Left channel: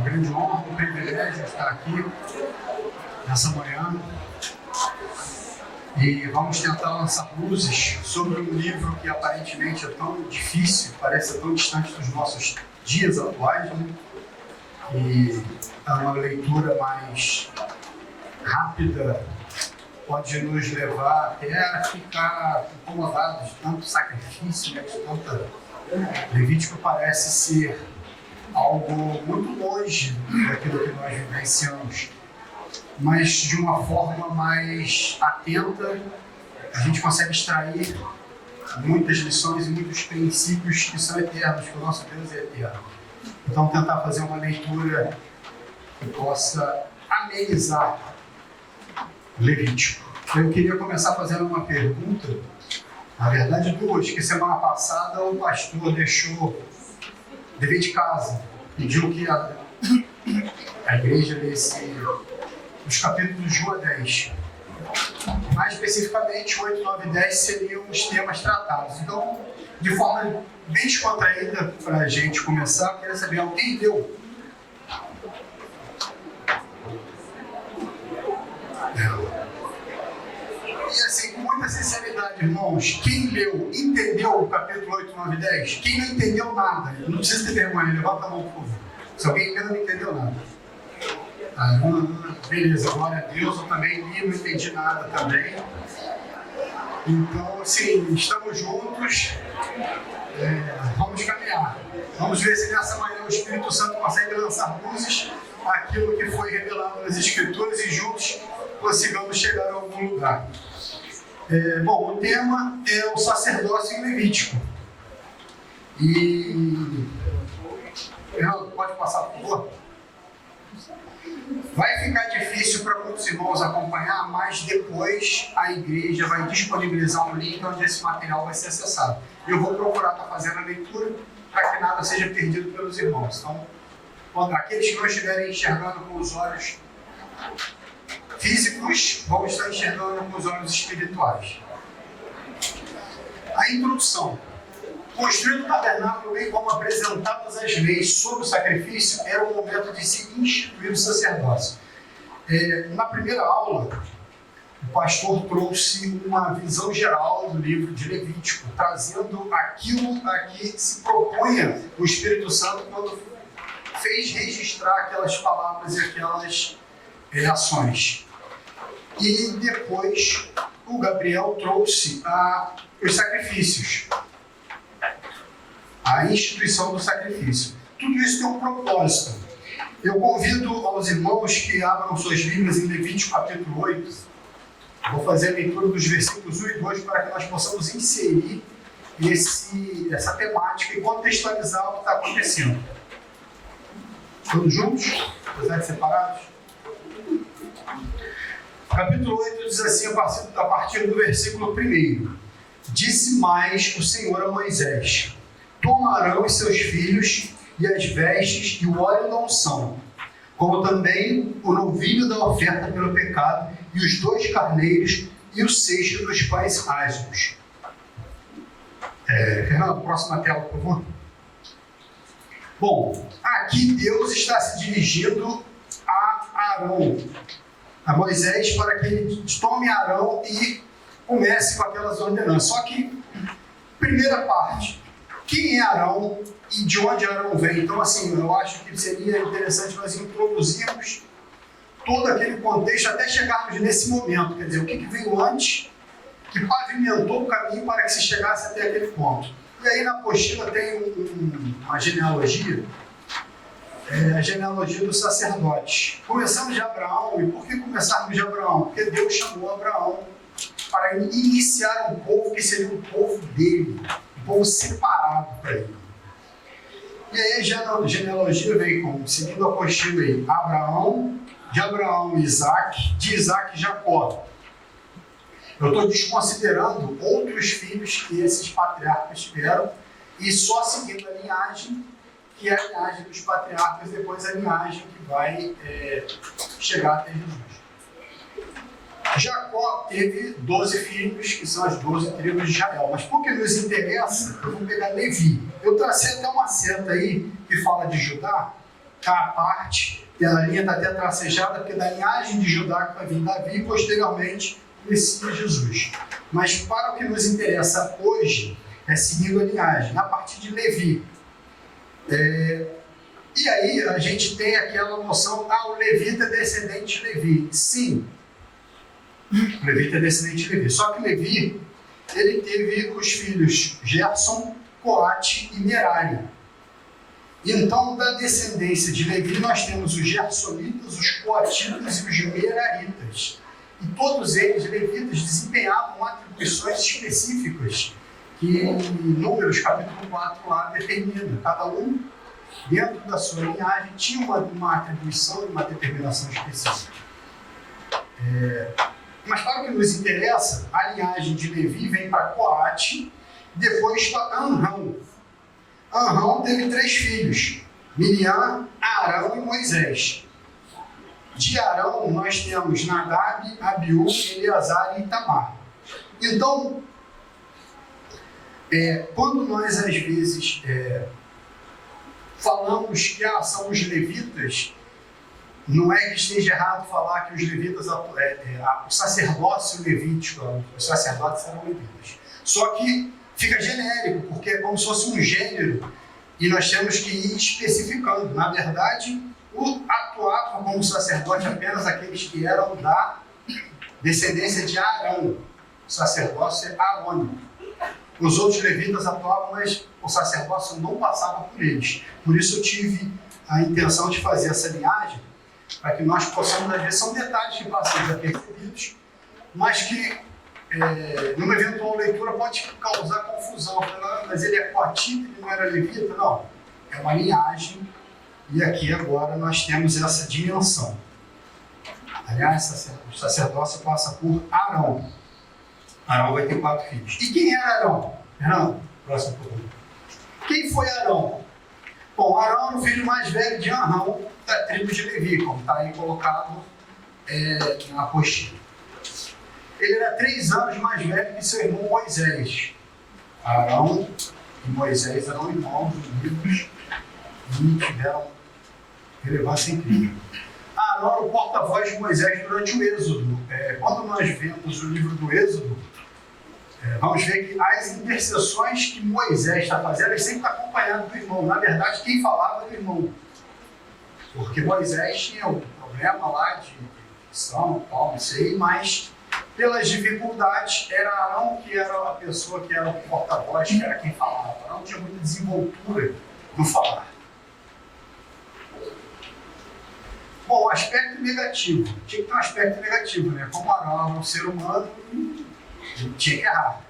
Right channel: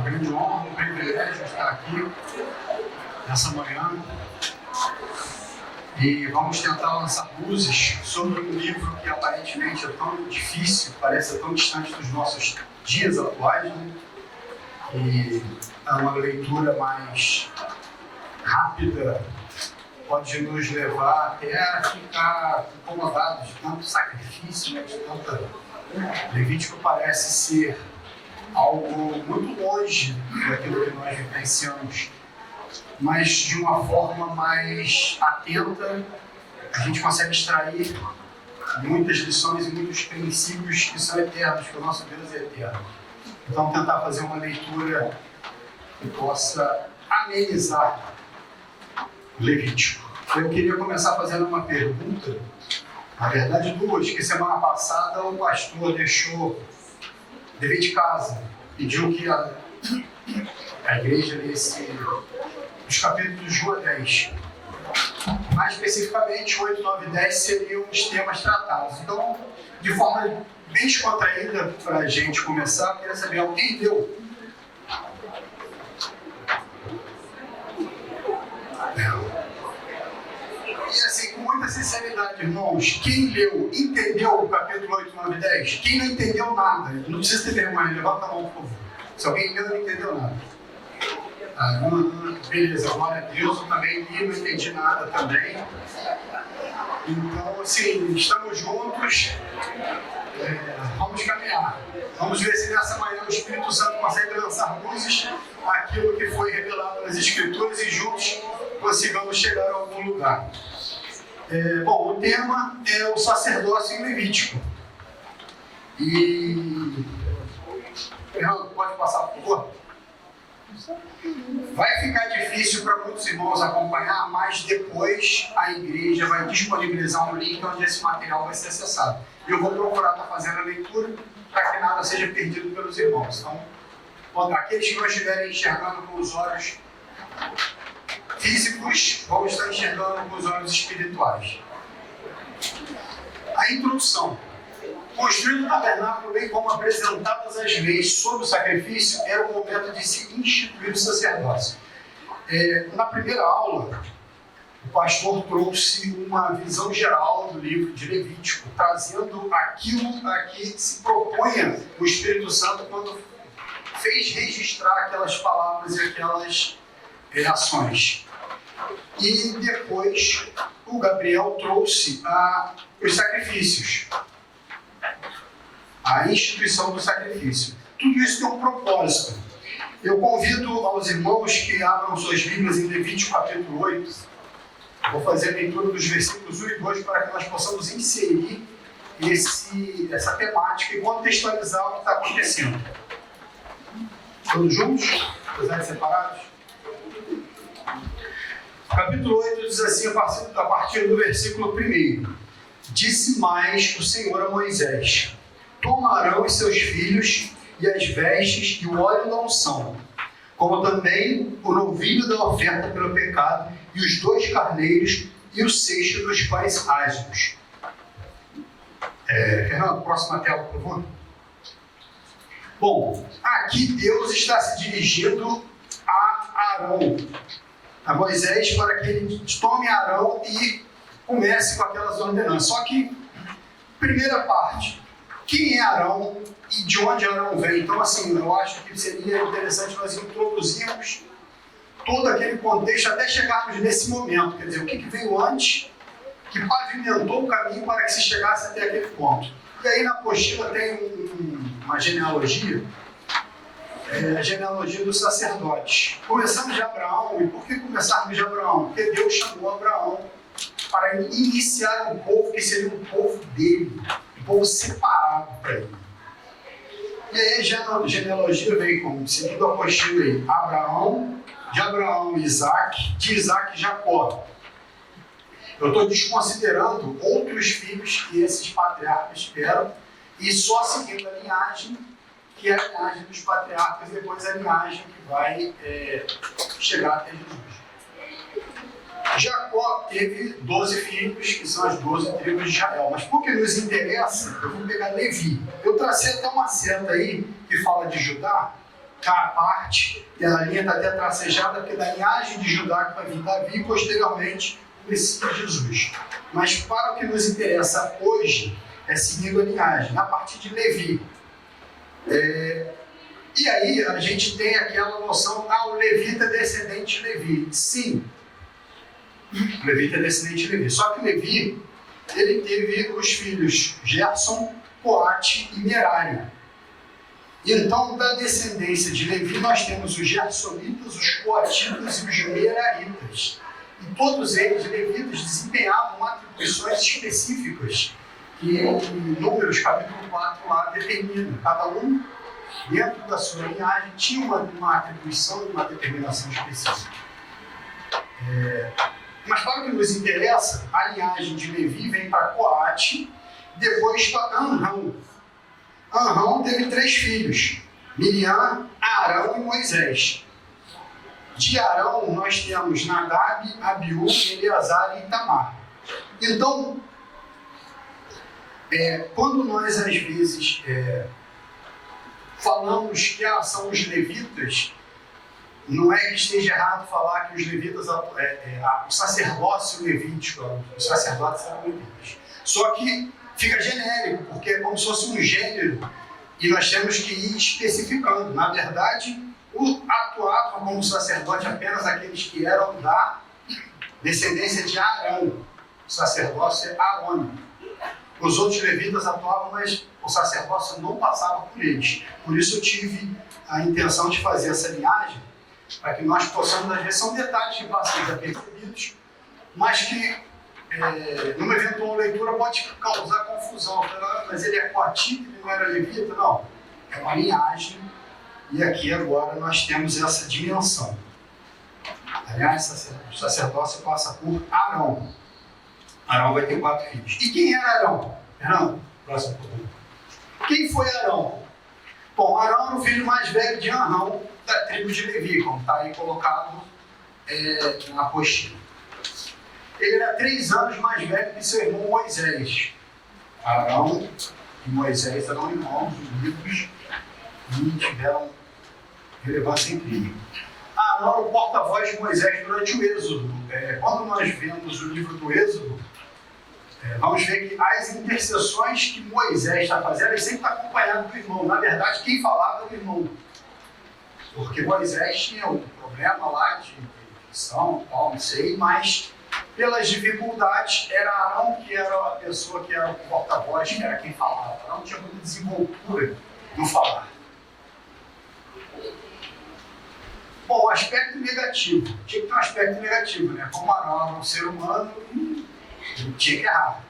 uma grande honra, um privilégio estar aqui nessa manhã e vamos tentar lançar luzes sobre um livro que aparentemente é tão difícil, parece tão distante dos nossos dias atuais, né? E é uma leitura mais rápida, pode nos levar até a ficar incomodados de tanto sacrifício, né, de tanta... Levítico parece ser algo muito longe daquilo que nós vivenciamos, mas de uma forma mais atenta, a gente consegue extrair muitas lições e muitos princípios que são eternos, que o nosso Deus é eterno. Então, tentar fazer uma leitura que possa amenizar Levítico. Eu queria começar fazendo uma pergunta, na verdade duas, que semana passada o pastor deixou dever de casa, pediu que a igreja lesse os capítulos de 1 a 10. Mais especificamente, 8, 9 e 10 seriam os temas tratados. Então, de forma bem descontraída, para a gente começar, eu queria saber, alguém leu? E assim, com muita sinceridade, irmãos, quem leu, entendeu o capítulo 8, 9 e 10? Quem não entendeu nada, não precisa ter vergonha, levanta a mão, por favor. Se alguém leu, não entendeu nada. Beleza, glória a Deus, eu também li, não entendi nada também. Então, assim, estamos juntos, vamos caminhar. Vamos ver se nessa manhã o Espírito Santo consegue lançar luzes aquilo que foi revelado nas Escrituras e juntos consigamos chegar a algum lugar. Bom, o tema é o sacerdócio em Levítico. E... Fernando, pode passar, por favor? Vai ficar difícil para muitos irmãos acompanhar, mas depois a igreja vai disponibilizar um link onde esse material vai ser acessado. Eu vou procurar estar fazendo a leitura para que nada seja perdido pelos irmãos. Então, aqueles que não estiverem enxergando com os olhos físicos, vão estar enxergando com os olhos espirituais. A introdução. Construindo o tabernáculo, bem como apresentadas as leis sobre o sacrifício, era o momento de se instituir o sacerdócio. Na primeira aula, o pastor trouxe uma visão geral do livro de Levítico, trazendo aquilo a que se propunha o Espírito Santo quando fez registrar aquelas palavras e aquelas ações. E depois o Gabriel trouxe os sacrifícios, a instituição do sacrifício. Tudo isso tem um propósito. Eu convido aos irmãos que abram suas Bíblias em Levítico capítulo 8. Vou fazer a leitura dos versículos 1 e 2 para que nós possamos inserir essa temática e contextualizar o que está acontecendo. Todos juntos? Apesar de separados? Capítulo 8 diz assim, a partir do versículo 1. Disse mais o Senhor a Moisés: Toma Arão e seus filhos, e as vestes, e o óleo da unção, como também o novilho da oferta pelo pecado, e os 2 carneiros, e o cesto dos pães ázimos. Fernando, próxima tela, por favor. Bom, aqui Deus está se dirigindo a Arão, a Moisés, para que ele tome Arão e comece com aquelas ordenanças. Só que, primeira parte, quem é Arão e de onde Arão vem? Então, assim, eu acho que seria interessante nós introduzirmos todo aquele contexto até chegarmos nesse momento. Quer dizer, o que veio antes, que pavimentou o caminho para que se chegasse até aquele ponto. E aí na apostila tem uma genealogia, a genealogia dos sacerdotes. Começamos de Abraão. E por que começarmos de Abraão? Porque Deus chamou Abraão para iniciar um povo que seria um povo dele, um povo separado para ele. E aí a genealogia vem como? Seguindo a apostila aí, Abraão, de Abraão Isaac, de Isaac Jacó. Eu estou desconsiderando outros filhos que esses patriarcas tiveram e só seguindo a linhagem, que é a linhagem dos patriarcas, e depois a linhagem que vai chegar até Jesus. Jacó teve 12 filhos, que são as 12 tribos de Israel. Mas por que nos interessa, eu vou pegar Levi. Eu tracei até uma seta aí que fala de Judá, à parte, e a linha está até tracejada, porque da linhagem de Judá que vai vir Davi e posteriormente o Messias Jesus. Mas para o que nos interessa hoje, é seguindo a linhagem, a partir de Levi. E aí a gente tem aquela noção, o levita é descendente de Levi. Sim, o levita é descendente de Levi. Só que Levi, ele teve os filhos Gerson, Coate e Merari. Então, da descendência de Levi, nós temos os Gersonitas, os Coatitas e os Meraritas. E todos eles, levitas, desempenhavam atribuições específicas que Números, capítulo 4, lá determina. Cada um, dentro da sua linhagem, tinha uma atribuição e uma determinação específica. Mas para o que nos interessa, a linhagem de Levi vem para Coate, depois para Amrão. Amrão teve 3 filhos, Miriam, Arão e Moisés. De Arão nós temos Nadab, Abiú, Eleazar e Itamar. Então, quando nós às vezes falamos que são os levitas, não é que esteja errado falar que os levitas, o sacerdócio levítico, os sacerdotes eram levitas. Só que fica genérico, porque é como se fosse um gênero, e nós temos que ir especificando. Na verdade, atuavam como sacerdote apenas aqueles que eram da descendência de Arão. O sacerdócio é arônico. Os outros levitas atuavam, mas o sacerdócio não passava por eles. Por isso eu tive a intenção de fazer essa linhagem, para que nós possamos, às vezes, são detalhes que passam desapercebidos, mas que, numa eventual leitura, pode causar confusão. Mas ele é coatita, ele não era levita? Não. É uma linhagem, e aqui agora nós temos essa dimensão. Aliás, o sacerdócio passa por Arão. Arão vai ter 4 filhos. E quem era Arão? Fernando, próximo pergunta. Quem foi Arão? Bom, Arão era o filho mais velho de Arão, da tribo de Levi, como está aí colocado na apostila. Ele era 3 anos mais velho que seu irmão Moisés. Arão e Moisés eram irmãos unidos e tiveram relevância incrível. Arão era o porta-voz de Moisés durante o Êxodo. Quando nós vemos o livro do Êxodo, vamos ver que as intercessões que Moisés está fazendo, ele sempre está acompanhado do irmão. Na verdade, quem falava era o irmão. Porque Moisés tinha um problema lá de dicção, tal, não sei, mas pelas dificuldades, era Arão que era a pessoa que era o porta-voz, que era quem falava. Arão tinha muita desenvoltura no falar. Bom, aspecto negativo. Tinha que ter um aspecto negativo, né? Como Arão era um ser humano, ele tinha que errar.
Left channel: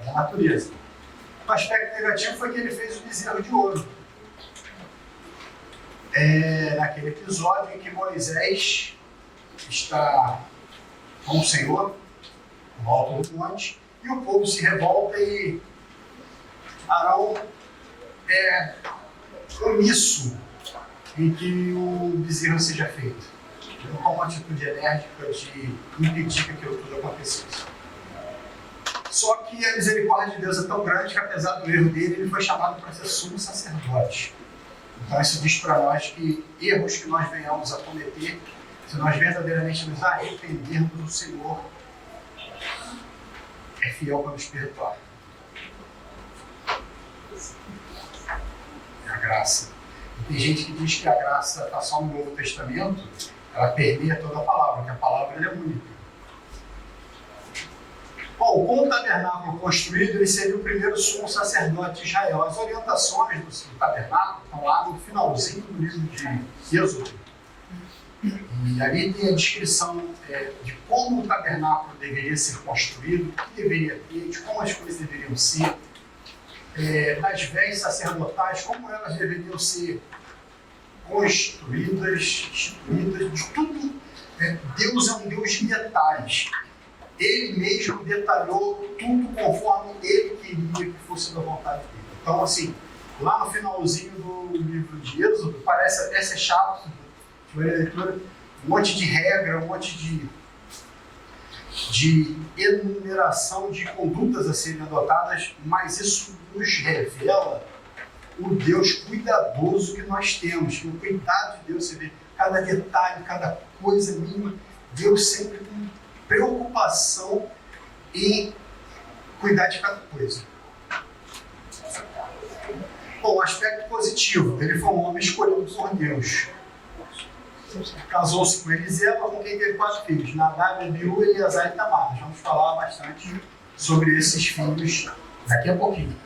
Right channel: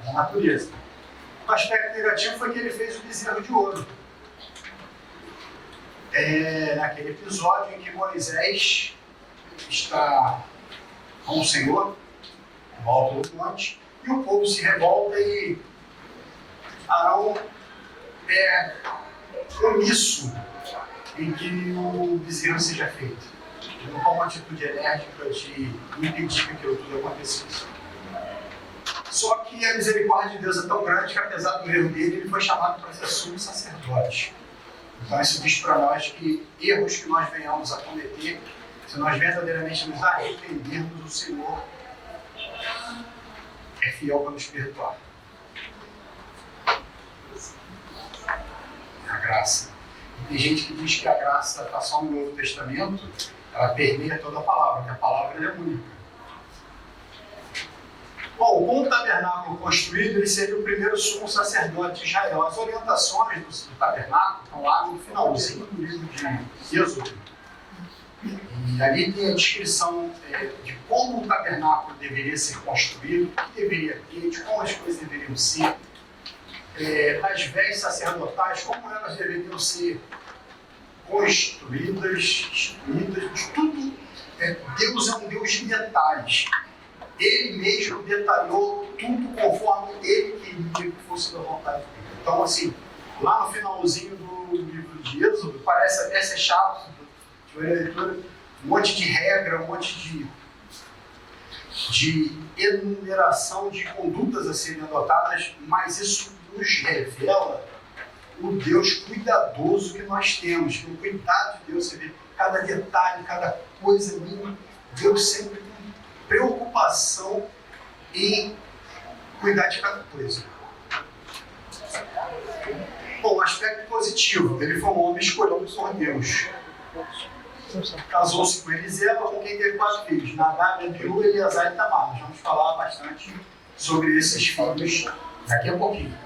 Era a natureza. O aspecto negativo foi que ele fez o bezerro de ouro. Naquele episódio em que Moisés está com o Senhor, no alto do monte, e o povo se revolta e Arão é omisso em que o bezerro seja feito. Ele não toma uma atitude enérgica de impedir que aquilo tudo acontecesse. Só que a misericórdia de Deus é tão grande que, apesar do erro dele, ele foi chamado para ser sumo sacerdote. Então isso diz para nós que erros que nós venhamos a cometer, se nós verdadeiramente nos arrependermos, o Senhor é fiel para nos perdoar. É a graça. E tem gente que diz que a graça está só no Novo Testamento, ela permeia toda a palavra, que a palavra é única. Bom, com o tabernáculo construído, ele seria o primeiro sumo sacerdote de Israel. As orientações do tabernáculo estão lá no finalzinho do livro de Êxodo. E ali tem a descrição de como o tabernáculo deveria ser construído, o que deveria ter, de como as coisas deveriam ser, das vestes sacerdotais, como elas deveriam ser construídas, instituídas, de tudo. Deus é um Deus de detalhes. Ele mesmo detalhou tudo conforme ele queria que fosse da vontade dele. Então, assim, lá no finalzinho do livro de Êxodo, parece até ser chato, de leitura, um monte de regra, um monte de enumeração de condutas a serem adotadas, mas isso nos revela o Deus cuidadoso que nós temos, que o cuidado de Deus, você vê cada detalhe, cada coisa mínima, Deus sempre com preocupação em cuidar de cada coisa. Bom, aspecto positivo, ele foi um homem escolhido por Deus. Casou-se com Eliseba, com quem teve 4 filhos, Nadab, Abiú, Eleazar e Tamar. Nós vamos falar bastante sobre esses filhos daqui a pouquinho.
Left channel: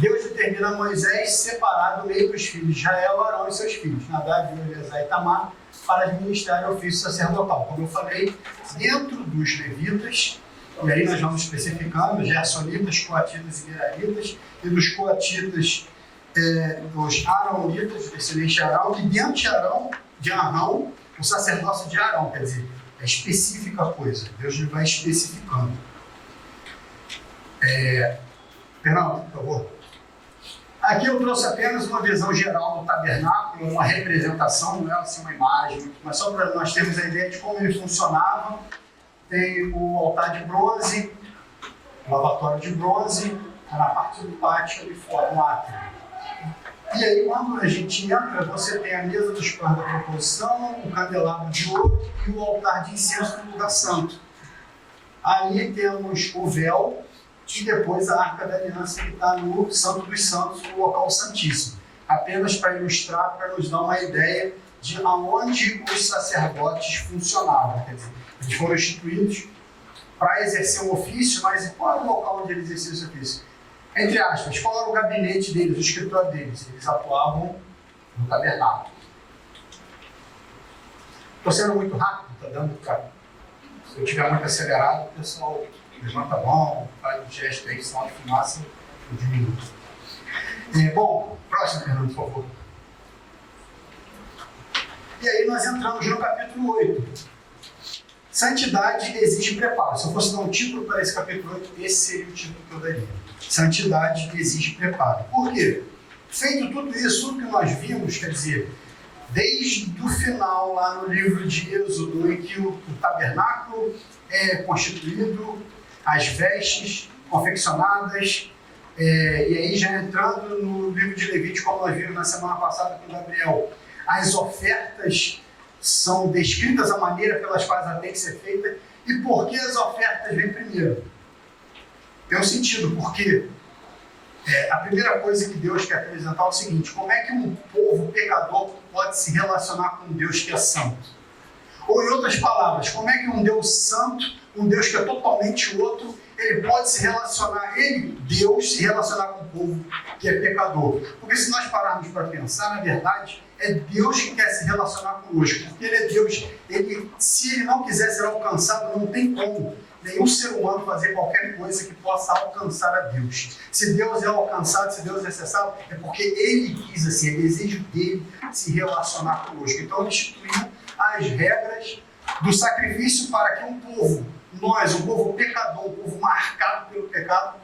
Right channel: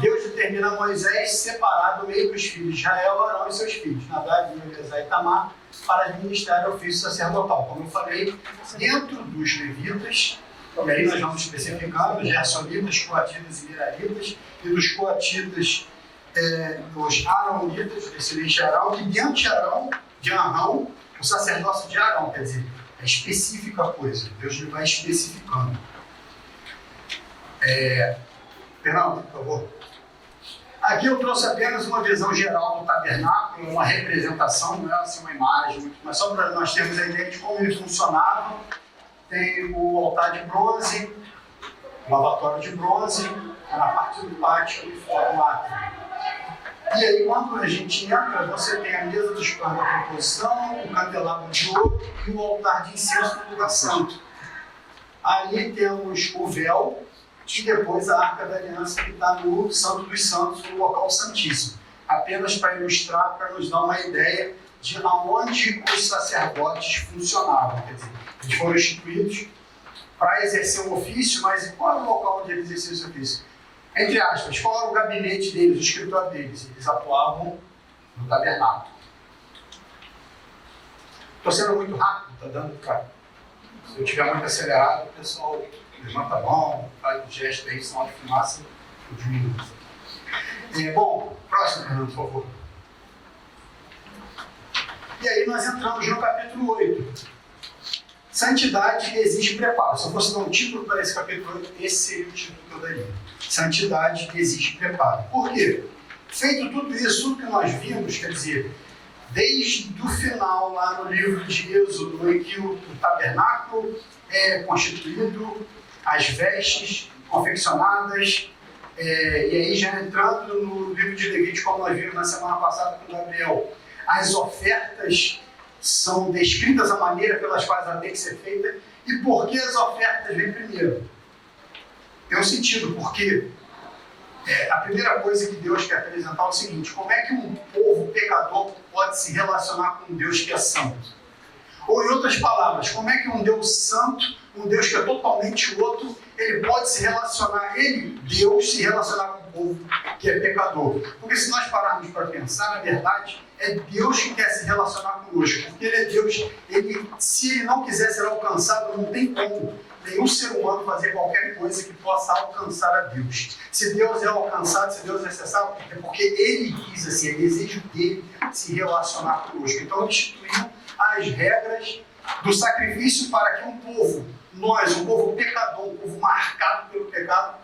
Deus determina a Moisés separar do meio dos filhos de Israel, Arão e seus filhos, Nadab, Abiú, Eleazar e Tamar, para administrar o ofício sacerdotal. Como eu falei, dentro dos levitas, e aí nós vamos especificando, gersonitas, coatitas e meraritas, e dos coatitas, dos aronitas, descendentes de Arão, e dentro de Arão, o sacerdócio de Arão, quer dizer, é específica a coisa, Deus vai especificando. Fernando, por favor. Aqui eu trouxe apenas uma visão geral do tabernáculo, uma representação, não é assim uma imagem, mas só para nós termos a ideia de como ele funcionava. Tem o altar de bronze, o lavatório de bronze, na parte do pátio ali fora, no átrio. E aí, quando a gente entra, você tem a mesa dos pães da proposição, o candelabro de ouro e o altar de incenso no lugar santo. Ali temos o véu e depois a arca da aliança que está no Santo dos Santos, no local santíssimo. Apenas para ilustrar, para nos dar uma ideia de aonde os sacerdotes funcionavam. Quer dizer, eles foram instituídos para exercer um ofício, mas qual era o local onde eles exerciam esse ofício? Entre aspas, qual era o gabinete deles, o escritório deles? Eles atuavam no tabernáculo. Estou sendo muito rápido, está dando para... Se eu estiver muito acelerado, o pessoal levanta a mão, faz o gesto aí, sinal de fumaça, eu diminuo. Bom, próximo, Fernando, por favor. E aí nós entramos no capítulo 8. Santidade exige preparo. Se eu fosse dar um título para esse capítulo 8, esse seria o título que eu daria. Santidade exige preparo. Por quê? Feito tudo isso, tudo que nós vimos, quer dizer, desde o final, lá no livro de Êxodo, em que o tabernáculo é constituído, as vestes confeccionadas, e aí já entrando no livro de Levítico, como nós vimos na semana passada com Gabriel, as ofertas são descritas a maneira pelas quais ela tem que ser feita. E por que as ofertas vêm primeiro? Tem um sentido, porque a primeira coisa que Deus quer apresentar é o seguinte: como é que um povo pecador pode se relacionar com um Deus que é santo? Ou, em outras palavras, como é que um Deus santo, um Deus que é totalmente outro, ele pode se relacionar, Deus, se relacionar com um povo que é pecador? Porque se nós pararmos para pensar, na verdade, é Deus que quer se relacionar conosco, porque Ele é Deus. Se Ele não quiser ser alcançado, não tem como nenhum ser humano fazer qualquer coisa que possa alcançar a Deus. Se Deus é alcançado, se Deus é acessado, é porque Ele quis assim, é desejo dele se relacionar conosco. Então Ele instituiu as regras do sacrifício para que um povo, nós, um povo pecador, um povo marcado pelo pecado,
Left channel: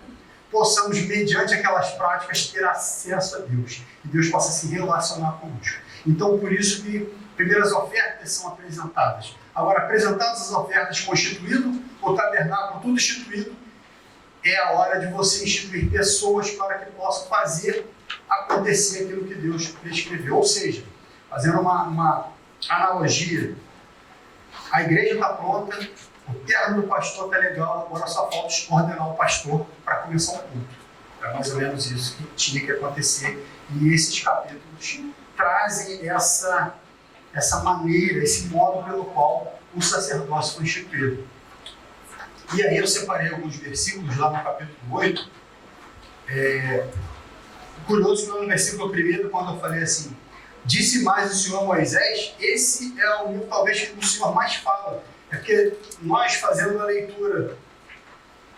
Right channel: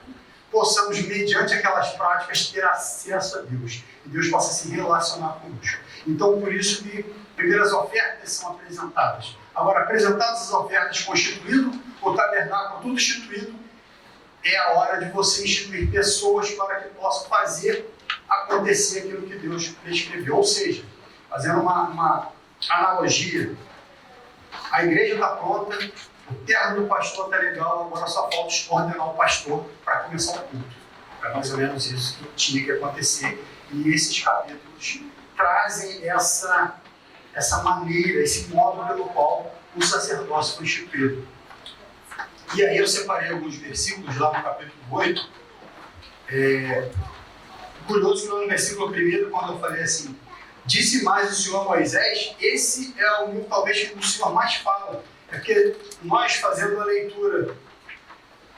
possamos, mediante aquelas práticas, ter acesso a Deus. E Deus possa se relacionar conosco. Então, por isso que primeiras ofertas são apresentadas. Agora, apresentadas as ofertas, constituído o tabernáculo, tudo instituído, é a hora de você instituir pessoas para que possam fazer acontecer aquilo que Deus prescreveu. Ou seja, fazendo uma analogia, a igreja está pronta, o terno do pastor está legal, agora só falta ordenar o pastor para começar o culto. É mais ou menos isso que tinha que acontecer. E esses capítulos trazem essa maneira, esse modo pelo qual o sacerdócio foi instituído. E aí eu separei alguns versículos lá no capítulo 8. Curioso que no versículo 1, quando eu falei assim, disse mais o Senhor a Moisés, esse é o livro talvez que o Senhor mais fala. É porque nós, fazendo a leitura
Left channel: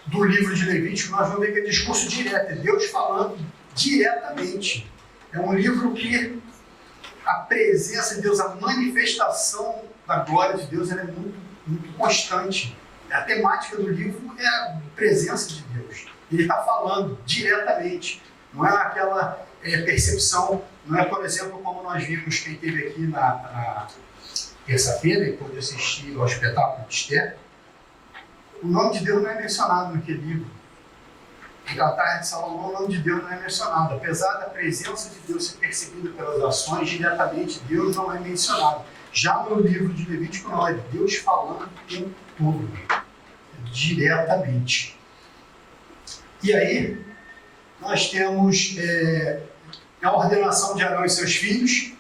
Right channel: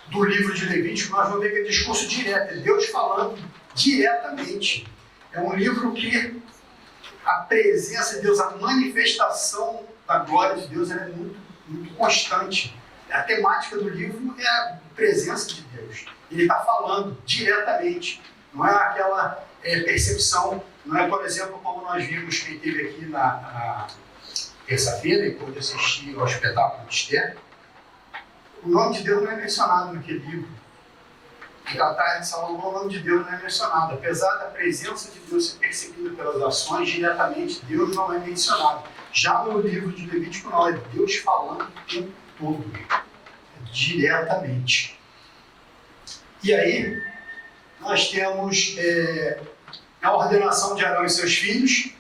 do livro de Levítico, nós vamos ver que é discurso direto, é Deus falando diretamente. É um livro que a presença de Deus, a manifestação da glória de Deus, ela é muito, muito constante. A temática do livro é a presença de Deus. Ele está falando diretamente. Não é aquela percepção, não é, por exemplo, como nós vimos quem esteve aqui na terça-feira e pôde assistir ao espetáculo de Esther. O nome de Deus não é mencionado naquele livro. Em Cantar de Salomão, o nome de Deus não é mencionado. Apesar da presença de Deus ser percebida pelas ações, diretamente Deus não é mencionado. Já no livro de Levítico, não, é Deus falando o tempo todo, diretamente. E aí, nós temos a ordenação de Arão e seus filhos.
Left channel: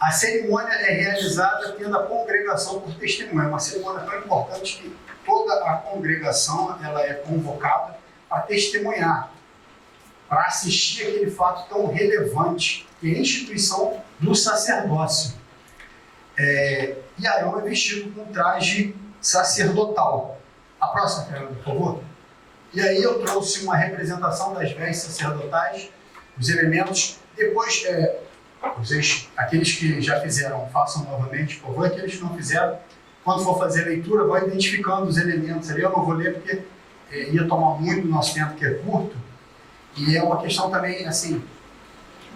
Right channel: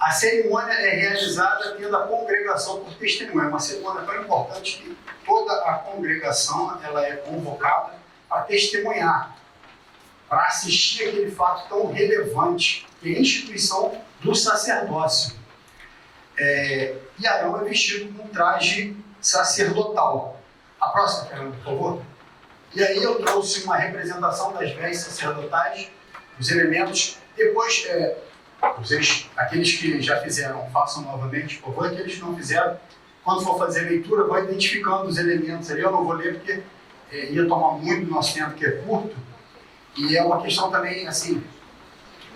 A cerimônia é realizada tendo a congregação por testemunha. É uma cerimônia tão importante que toda a congregação ela é convocada para testemunhar, para assistir aquele fato tão relevante, que é a instituição do sacerdócio. E Arão é vestido com um traje sacerdotal. A próxima, Fernando, por favor. E aí eu trouxe uma representação das vestes sacerdotais, os elementos. Depois, aqueles que já fizeram, façam novamente, por favor. Aqueles que não fizeram, quando for fazer a leitura, vão identificando os elementos ali. Eu não vou ler porque ia tomar muito do nosso tempo, que é curto. E é uma questão também, assim,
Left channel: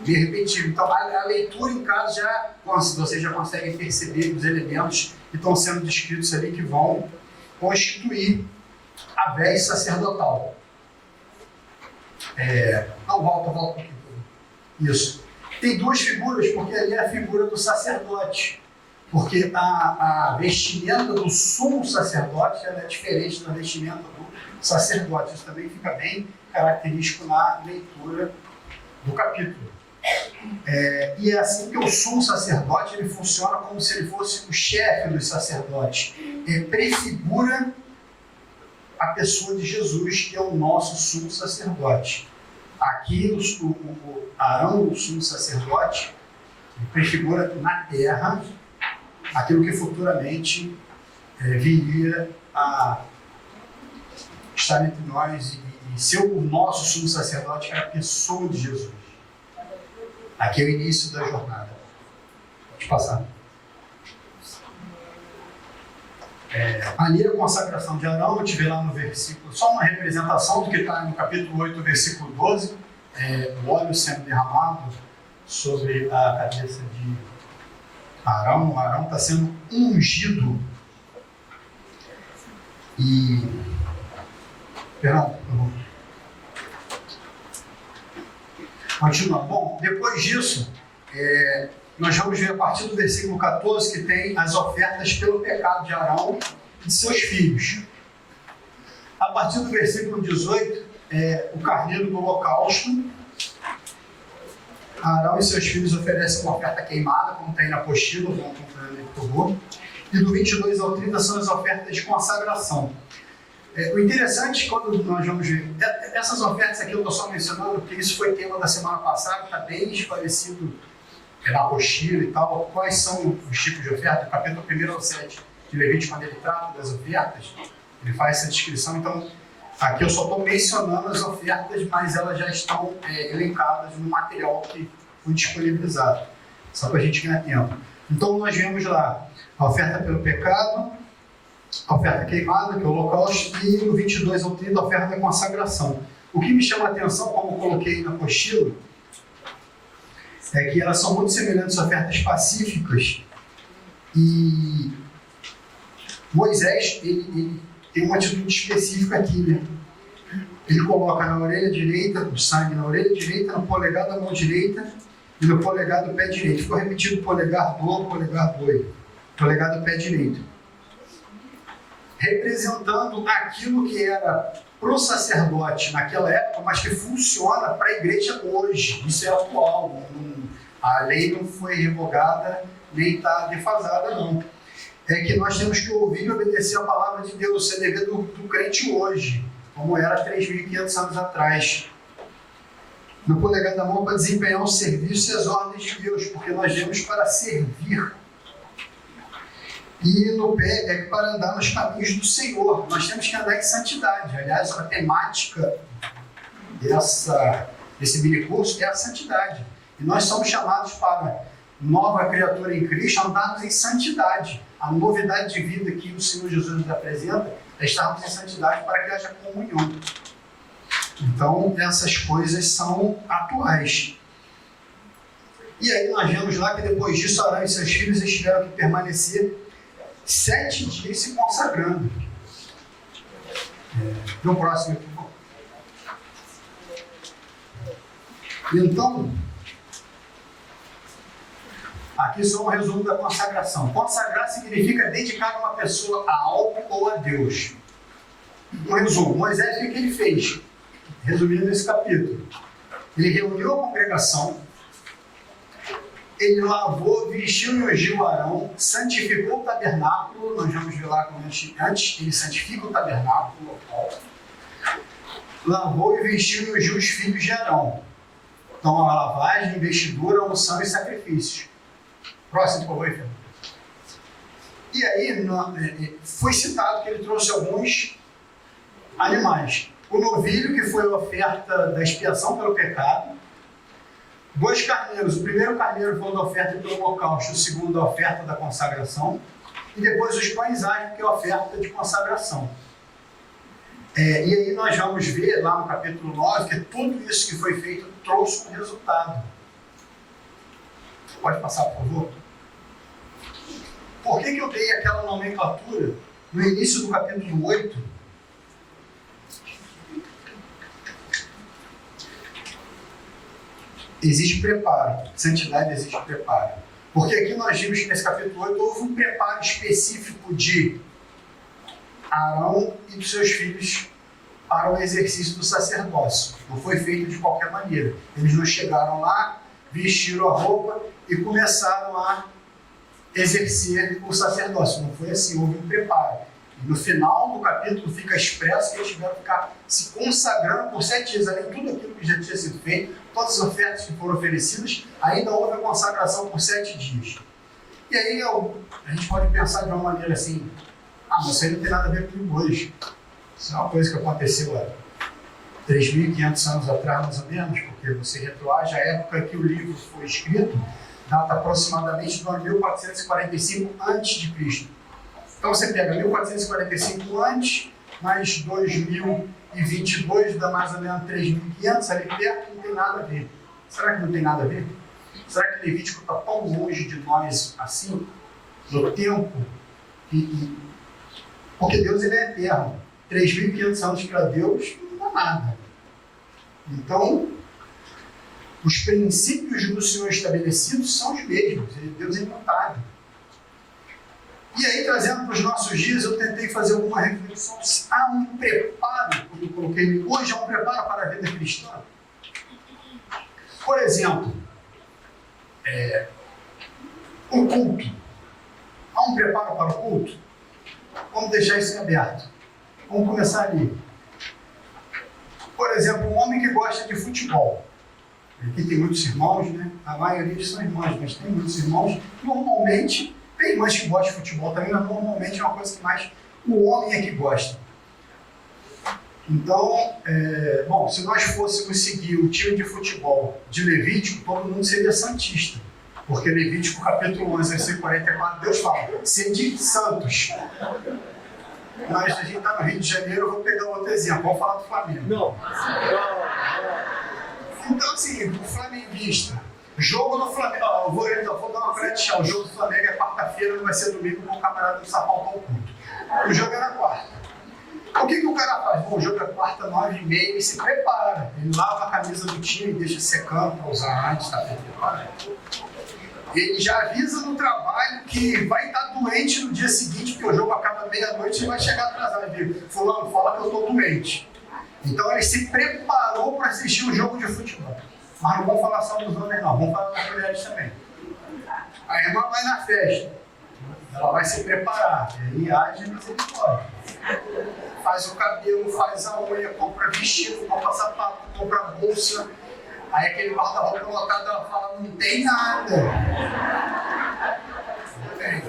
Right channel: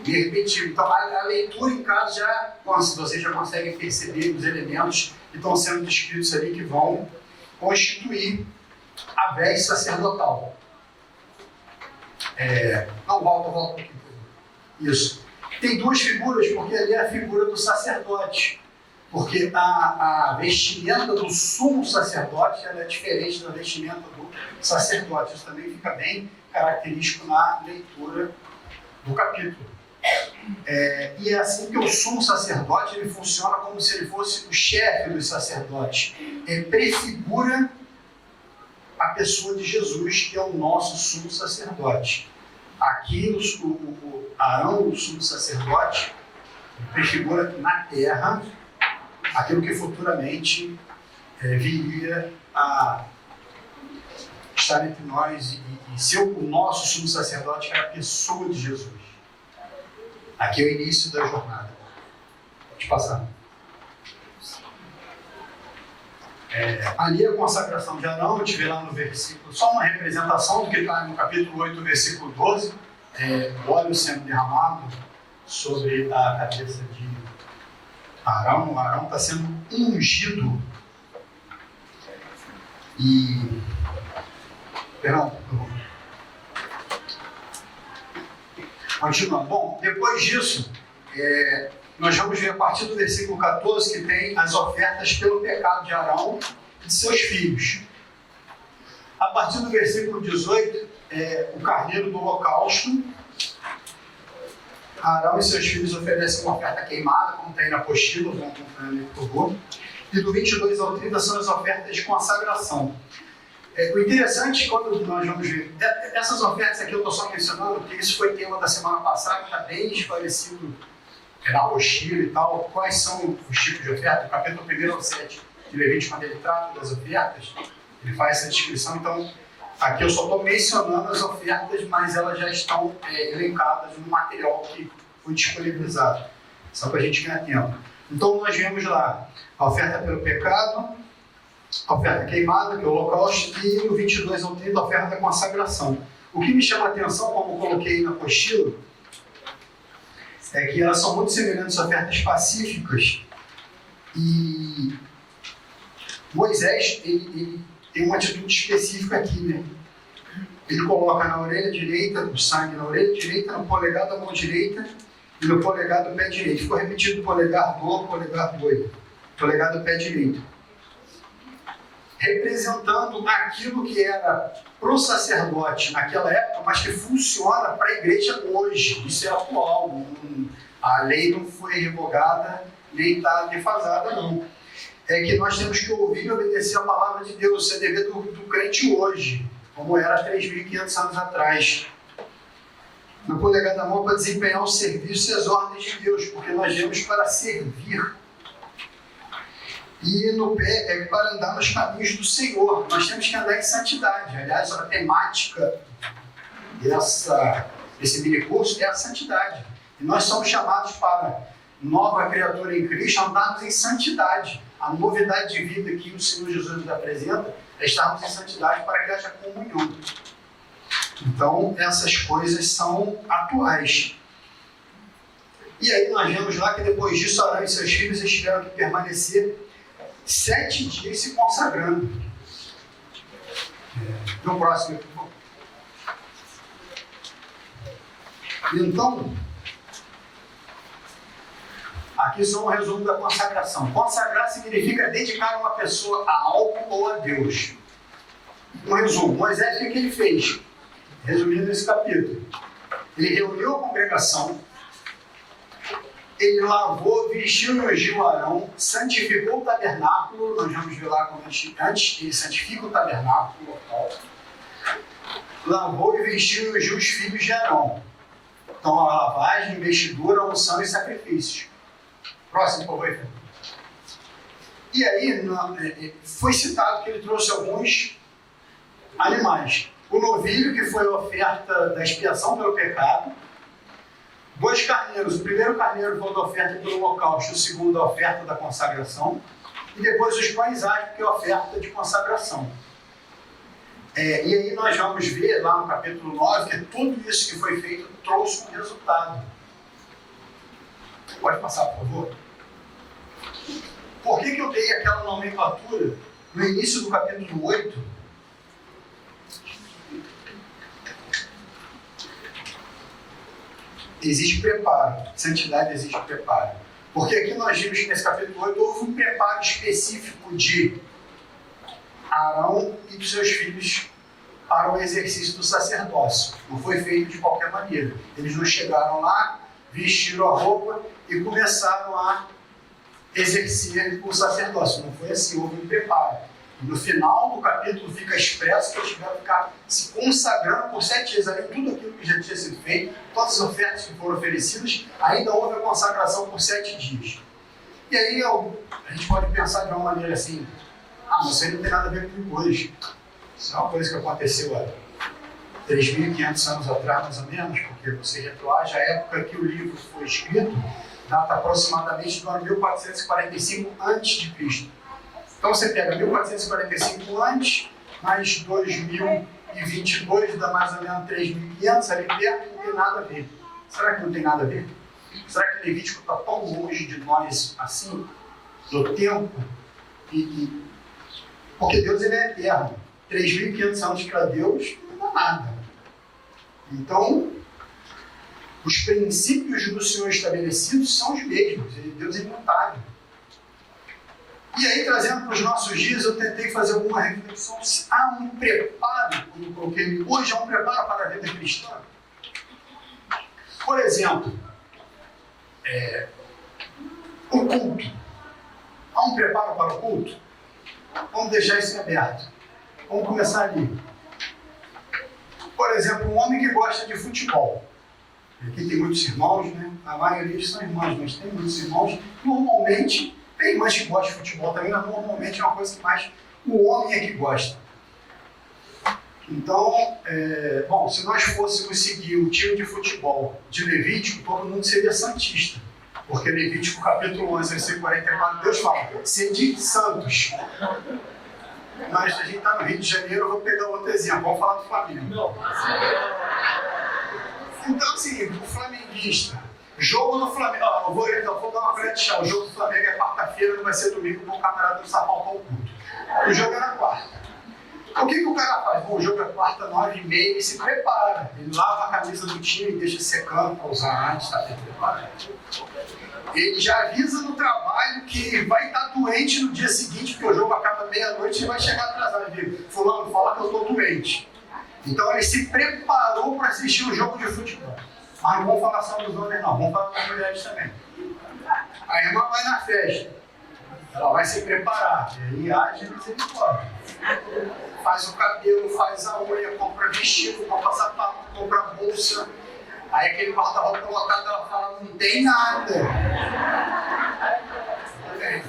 de repetir. Então, a leitura em casa vocês já conseguem perceber os elementos que estão sendo descritos ali, que vão constituir a veste sacerdotal. Não, volta um pouquinho. Isso. Tem duas figuras, porque ali é a figura do sacerdote. Porque a vestimenta do sumo sacerdote ela é diferente da vestimenta do sacerdote. Isso também fica bem característico na leitura do capítulo. E é assim que o sumo sacerdote ele funciona como se ele fosse o chefe dos sacerdotes. Prefigura a pessoa de Jesus, que é o nosso sumo sacerdote. Aqui, o Arão, o sumo sacerdote, prefigura na terra aquilo que futuramente viria a estar entre nós e ser o nosso sumo sacerdote, que é a pessoa de Jesus. Aqui é o início da jornada. Pode passar. Ali a consagração de Arão, eu tive lá no versículo, só uma representação do que está no capítulo 8, versículo 12, o óleo sendo derramado sobre a cabeça de Arão. O Arão está sendo ungido. Continuando. Bom, depois disso, nós vamos ver a partir do versículo 14 que tem as ofertas pelo pecado de Arão e de seus filhos. A partir do versículo 18, o carneiro do holocausto. Arão e seus filhos oferecem uma oferta queimada, como tem na apostila, vão acompanhando aí, por favor. E do 22 ao 30 são as ofertas de consagração. O interessante, quando nós vamos ver, essas ofertas aqui eu estou só mencionando, porque isso foi tema da semana passada, está bem esclarecido na apostila e tal, quais são os tipos de oferta. O capítulo 1 ao 7 de Levítico, quando ele trata das ofertas, ele faz essa descrição. Então, aqui eu só estou mencionando as ofertas, mas elas já estão elencadas no material que foi disponibilizado, só para a gente ganhar tempo. Então, nós vemos lá a oferta pelo pecado, a oferta queimada, que é o holocausto, e no 22 ao 30 a oferta da consagração. O que me chama a atenção, como eu coloquei na apostila, é que elas são muito semelhantes a ofertas pacíficas, e Moisés ele tem uma atitude específica aqui, né? Ele coloca na orelha direita, o sangue na orelha direita, no polegar da mão direita e no polegar do pé direito. Ficou repetido polegar do polegar do pé direito. Representando aquilo que era para o sacerdote naquela época, mas que funciona para a igreja hoje. Isso é atual. A lei não foi revogada, nem está defasada, não. É que nós temos que ouvir e obedecer a palavra de Deus. Isso é dever do crente hoje, como era 3.500 anos atrás. No polegar da mão, para desempenhar o serviço e as ordens de Deus, porque nós viemos para servir. E no pé é para andar nos caminhos do Senhor. Nós temos que andar em santidade. Aliás, a temática desse minicurso é a santidade. E nós somos chamados para nova criatura em Cristo, andarmos em santidade. A novidade de vida que o Senhor Jesus nos apresenta é estarmos em santidade para que haja comunhão. Então, essas coisas são atuais. E aí nós vemos lá que depois disso, Arão e seus filhos tiveram que permanecer 7 dias se consagrando. No próximo, Então, aqui só um resumo da consagração. Consagrar significa dedicar uma pessoa a algo ou a Deus. Um resumo, Moisés, o que ele fez? Resumindo esse capítulo. Ele reuniu a congregação, ele lavou, vestiu e ungiu Arão, santificou o tabernáculo, nós vamos ver lá como antes ele santifica o tabernáculo local, lavou e vestiu e ungiu os filhos de Arão. Então, a lavagem, investidura, unção e sacrifícios. Próximo, por favor. E aí, foi citado que ele trouxe alguns animais. O novilho, que foi a oferta da expiação pelo pecado. 2 carneiros. O primeiro carneiro foi a oferta pelo holocausto, o segundo a oferta da consagração. E depois os pães asmos, que é a oferta de consagração. E aí nós vamos ver lá no capítulo 9 que tudo isso que foi feito trouxe um resultado. Pode passar, por favor? Por que eu dei aquela nomenclatura no início do capítulo 8? Existe preparo. Santidade existe preparo. Porque aqui nós vimos que nesse capítulo 8 houve um preparo específico de Arão e dos seus filhos para o exercício do sacerdócio. Não foi feito de qualquer maneira. Eles não chegaram lá, vestiram a roupa e começaram a exercer o sacerdócio. Não foi assim, houve um preparo. E no final do capítulo fica expresso que eles tiveram que ficar se consagrando por 7 dias. Além de tudo aquilo que já tinha sido feito, todas as ofertas que foram oferecidas, ainda houve a consagração por 7 dias. E aí a gente pode pensar de uma maneira assim, mas isso aí não tem nada a ver comigo hoje. Isso é uma coisa que aconteceu há 3.500 anos atrás, mais ou menos, porque você retroage à época que o livro foi escrito, data aproximadamente do ano 1445 a.C. Então você pega 1445 antes, mais 2022, dá mais ou menos 3.500 ali perto, não tem nada a ver. Será que não tem nada a ver? Será que Levítico está tão longe de nós assim, no tempo? Porque Deus ele é eterno. 3.500 anos para Deus não dá nada. Então, os princípios do Senhor estabelecidos são os mesmos. Deus é imutável. E aí, trazendo para os nossos dias, eu tentei fazer alguma reflexão. Há um preparo, quando eu coloquei hoje, há um preparo para a vida cristã. Por exemplo, o culto. Há um preparo para o culto? Vamos deixar isso em aberto. Vamos começar ali. Por exemplo, um homem que gosta de futebol. Aqui tem muitos irmãos, né? A maioria são irmãs, mas tem muitos irmãos. Normalmente, tem irmãs que gostam de futebol também, mas normalmente é uma coisa que mais o homem é que gosta. Então, se nós fôssemos seguir o time de futebol de Levítico, todo mundo seria santista. Porque Levítico, capítulo 11, versículo 44, Deus fala, sede santos. Mas a gente está no Rio de Janeiro, eu vou pegar outro exemplo, vamos falar do Flamengo. Não. Então, assim, o flamenguista, jogo no Flamengo, vou dar uma colher de chá, o jogo do Flamengo é quarta-feira, não vai ser domingo, com o camarada do Sapão ao culto. O jogo é na quarta. O que o cara faz? Bom, o jogo é quarta, 9h30, e se prepara. Ele lava a camisa do time, deixa secando para usar antes, está preparado. Ele já avisa no trabalho que vai estar doente no dia seguinte, porque o jogo acaba meia-noite e vai chegar atrasado. Ele diz, fulano, fala que eu estou doente. Então ele se preparou para assistir o jogo de futebol. Mas não vamos falar só dos homens não, vamos falar das mulheres também. A irmã vai na festa, ela vai se preparar, e aí age misericórdia. Faz o cabelo, faz a unha, compra vestido, compra sapato, compra bolsa. Aí aquele guarda-roupa colocado, ela fala, não tem nada. Não tem.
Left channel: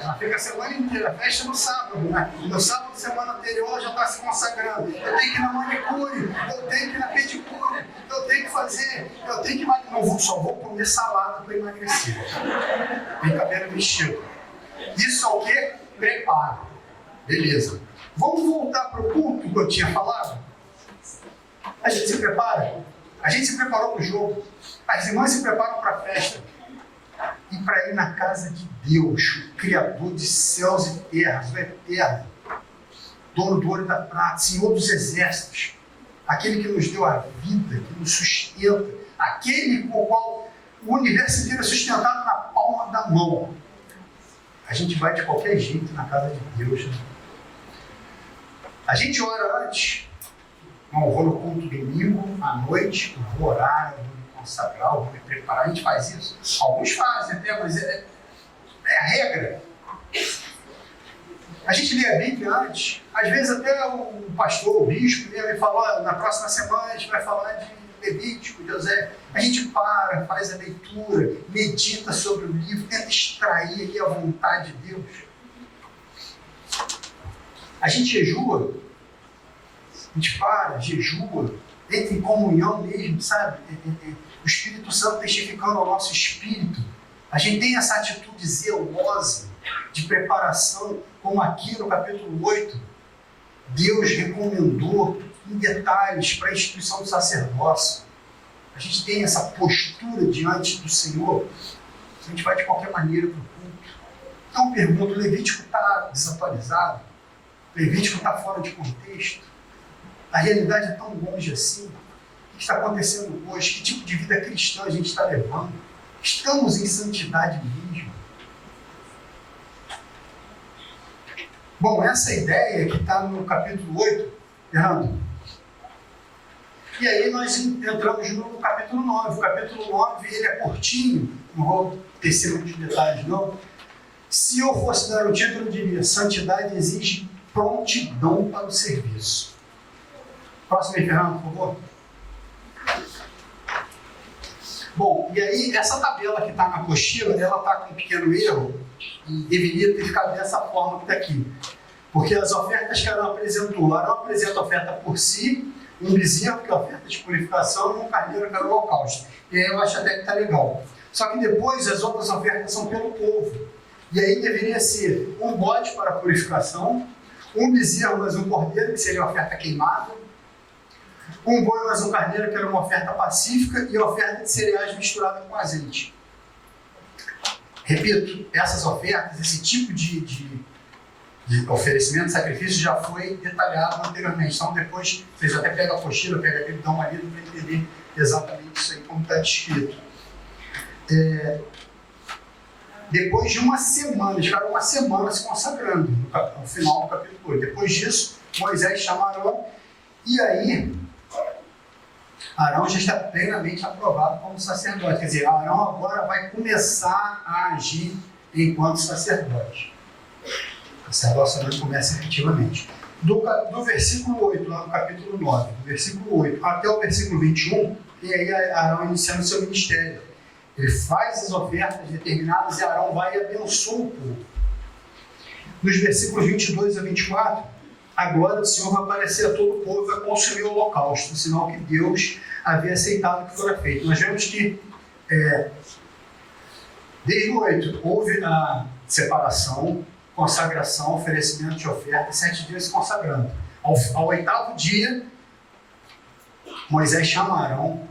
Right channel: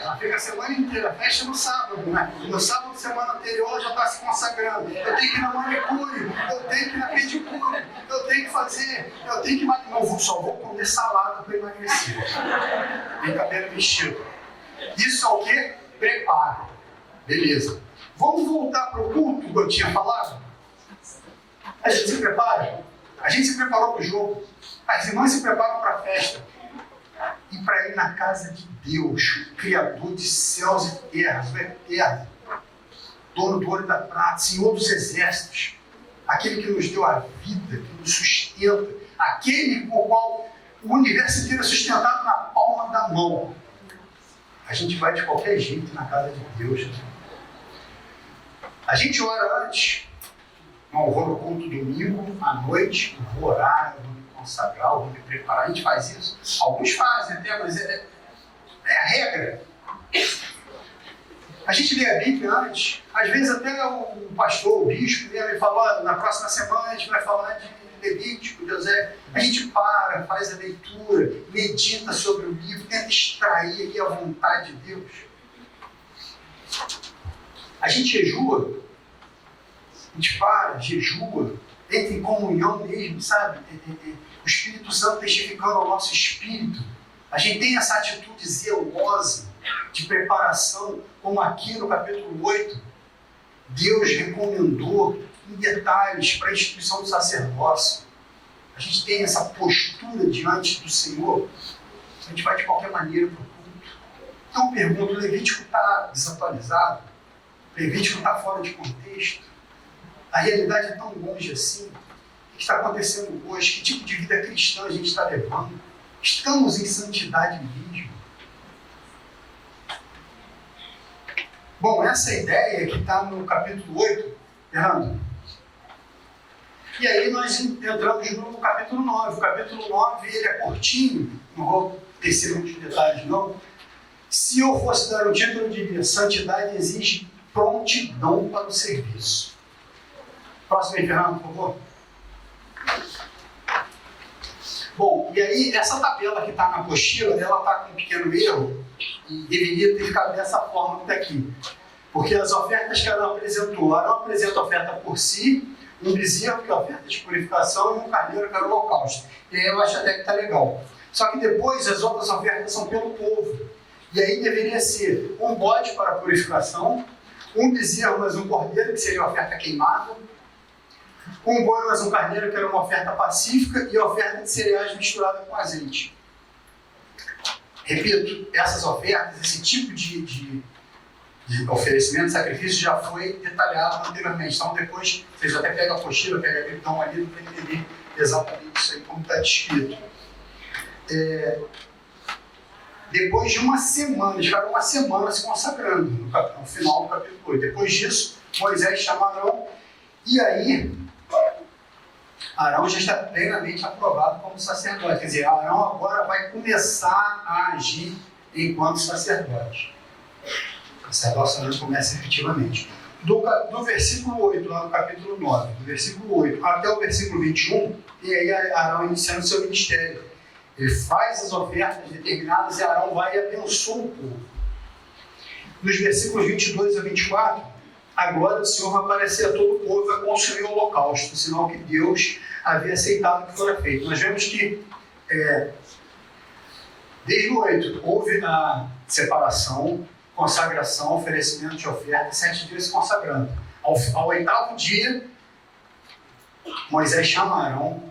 Ela fica a semana inteira, fecha no sábado, né? E no sábado, semana anterior, ela já está se consagrando. Eu tenho que ir na manicure, eu tenho que ir na pedicure, eu tenho que fazer, eu tenho que emagrecer. Só vou comer salada para emagrecer. Tem cabelo vestido. Isso é o quê? Preparo. Beleza. Vamos voltar para o culto que eu tinha falado? A gente se prepara? A gente se preparou para o jogo. As irmãs se preparam para a festa. E para ir na casa de Deus, o Criador de céus e terras, o Eterno, dono do ouro e da prata, Senhor dos exércitos. aquele que nos deu a vida, que nos sustenta, aquele por qual o universo inteiro é sustentado na palma da mão. A gente vai de qualquer jeito na casa de Deus. A gente ora antes. Não, eu vou no culto domingo, à noite, eu vou orar, eu vou me consagrar, eu vou me preparar. A gente faz isso. Alguns fazem até, mas é a regra. A gente lê a Bíblia antes. Às vezes até o pastor, o bispo, ele fala, na próxima semana a gente vai falar de Levítico, de José. A gente para, faz a leitura, medita sobre o livro, tenta extrair ali a vontade de Deus. A gente jejua, a gente para, jejua, entra em comunhão mesmo, sabe? O Espírito Santo testificando ao nosso espírito. A gente tem essa atitude zelosa de preparação, como aqui no capítulo 8, Deus recomendou em detalhes para a instituição do sacerdócio. A gente tem essa postura diante do Senhor, a gente vai de qualquer maneira para o culto. Então eu pergunto, o Levítico está desatualizado? O Levítico está fora de contexto? A realidade é tão longe assim? O que está acontecendo hoje? Que tipo de vida cristã a gente está levando? Estamos em santidade mesmo? Bom, essa ideia que está no capítulo 8, Fernando. E aí nós entramos no capítulo 9. O capítulo 9 ele é curtinho, não vou tecer muitos detalhes não. Se eu fosse dar um título, eu diria: santidade exige prontidão para o serviço. Próximo aí, Fernando, por favor. Bom, e aí essa tabela que está na apostila, ela está com um pequeno erro e deveria ter ficado dessa forma que está aqui. Porque as ofertas que Arão apresentou, Arão apresenta a oferta por si, um bezerro, que é a oferta de purificação, e um carneiro, que era o holocausto. E aí eu acho até que está legal. Só que depois as outras ofertas são pelo povo. E aí deveria ser um bode para a purificação, um bezerro mais um cordeiro, que seria a oferta queimada, um boi mais um carneiro, que era uma oferta pacífica, e a oferta de cereais misturada com azeite. Repito, essas ofertas, esse tipo de oferecimento, de sacrifício, já foi detalhado anteriormente. Então depois, vocês até pegam a apostila, pegam a Bíblia, dão uma lida para entender exatamente isso aí, como está descrito. Depois de uma semana, eles ficaram uma semana se consagrando, no final do capítulo 8. Depois disso, Moisés chama Arão, e aí Arão já está plenamente aprovado como sacerdote. Quer dizer, Arão agora vai começar a agir enquanto sacerdote. O sacerdócio começa efetivamente. Do versículo 8, lá no capítulo 9, do versículo 8 até o versículo 21, e aí Arão iniciando seu ministério. Ele faz as ofertas determinadas e Arão vai e abençoa o povo. Nos versículos 22 a 24, a glória do Senhor vai aparecer a todo o povo e vai consumir o holocausto, sinal que Deus havia aceitado que fora feito. Nós vemos que, desde o 8, houve a separação, consagração, oferecimento de oferta, 7 dias se consagrando. Ao 8º dia, Moisés chama Arão.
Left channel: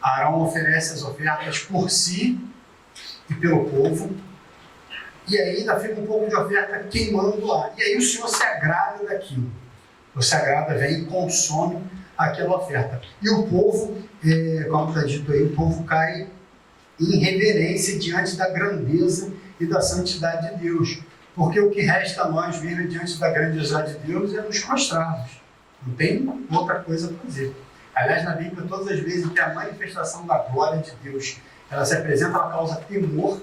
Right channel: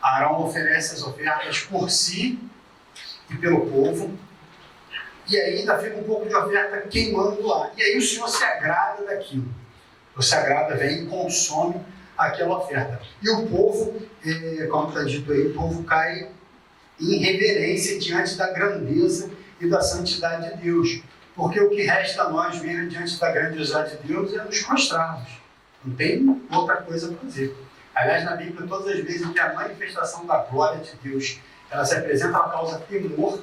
Arão oferece as ofertas por si e pelo povo. E aí ainda fica um pouco de oferta queimando lá. E aí o Senhor se agrada daquilo. O se agrada, vem e consome aquela oferta. E o povo, como está dito aí, o povo cai em reverência diante da grandeza e da santidade de Deus. Porque o que resta a nós mesmo diante da grandiosidade de Deus é nos prostrarmos. Não tem outra coisa para dizer. Aliás, na Bíblia, todas as vezes que a manifestação da glória de Deus, ela se apresenta, ela causa temor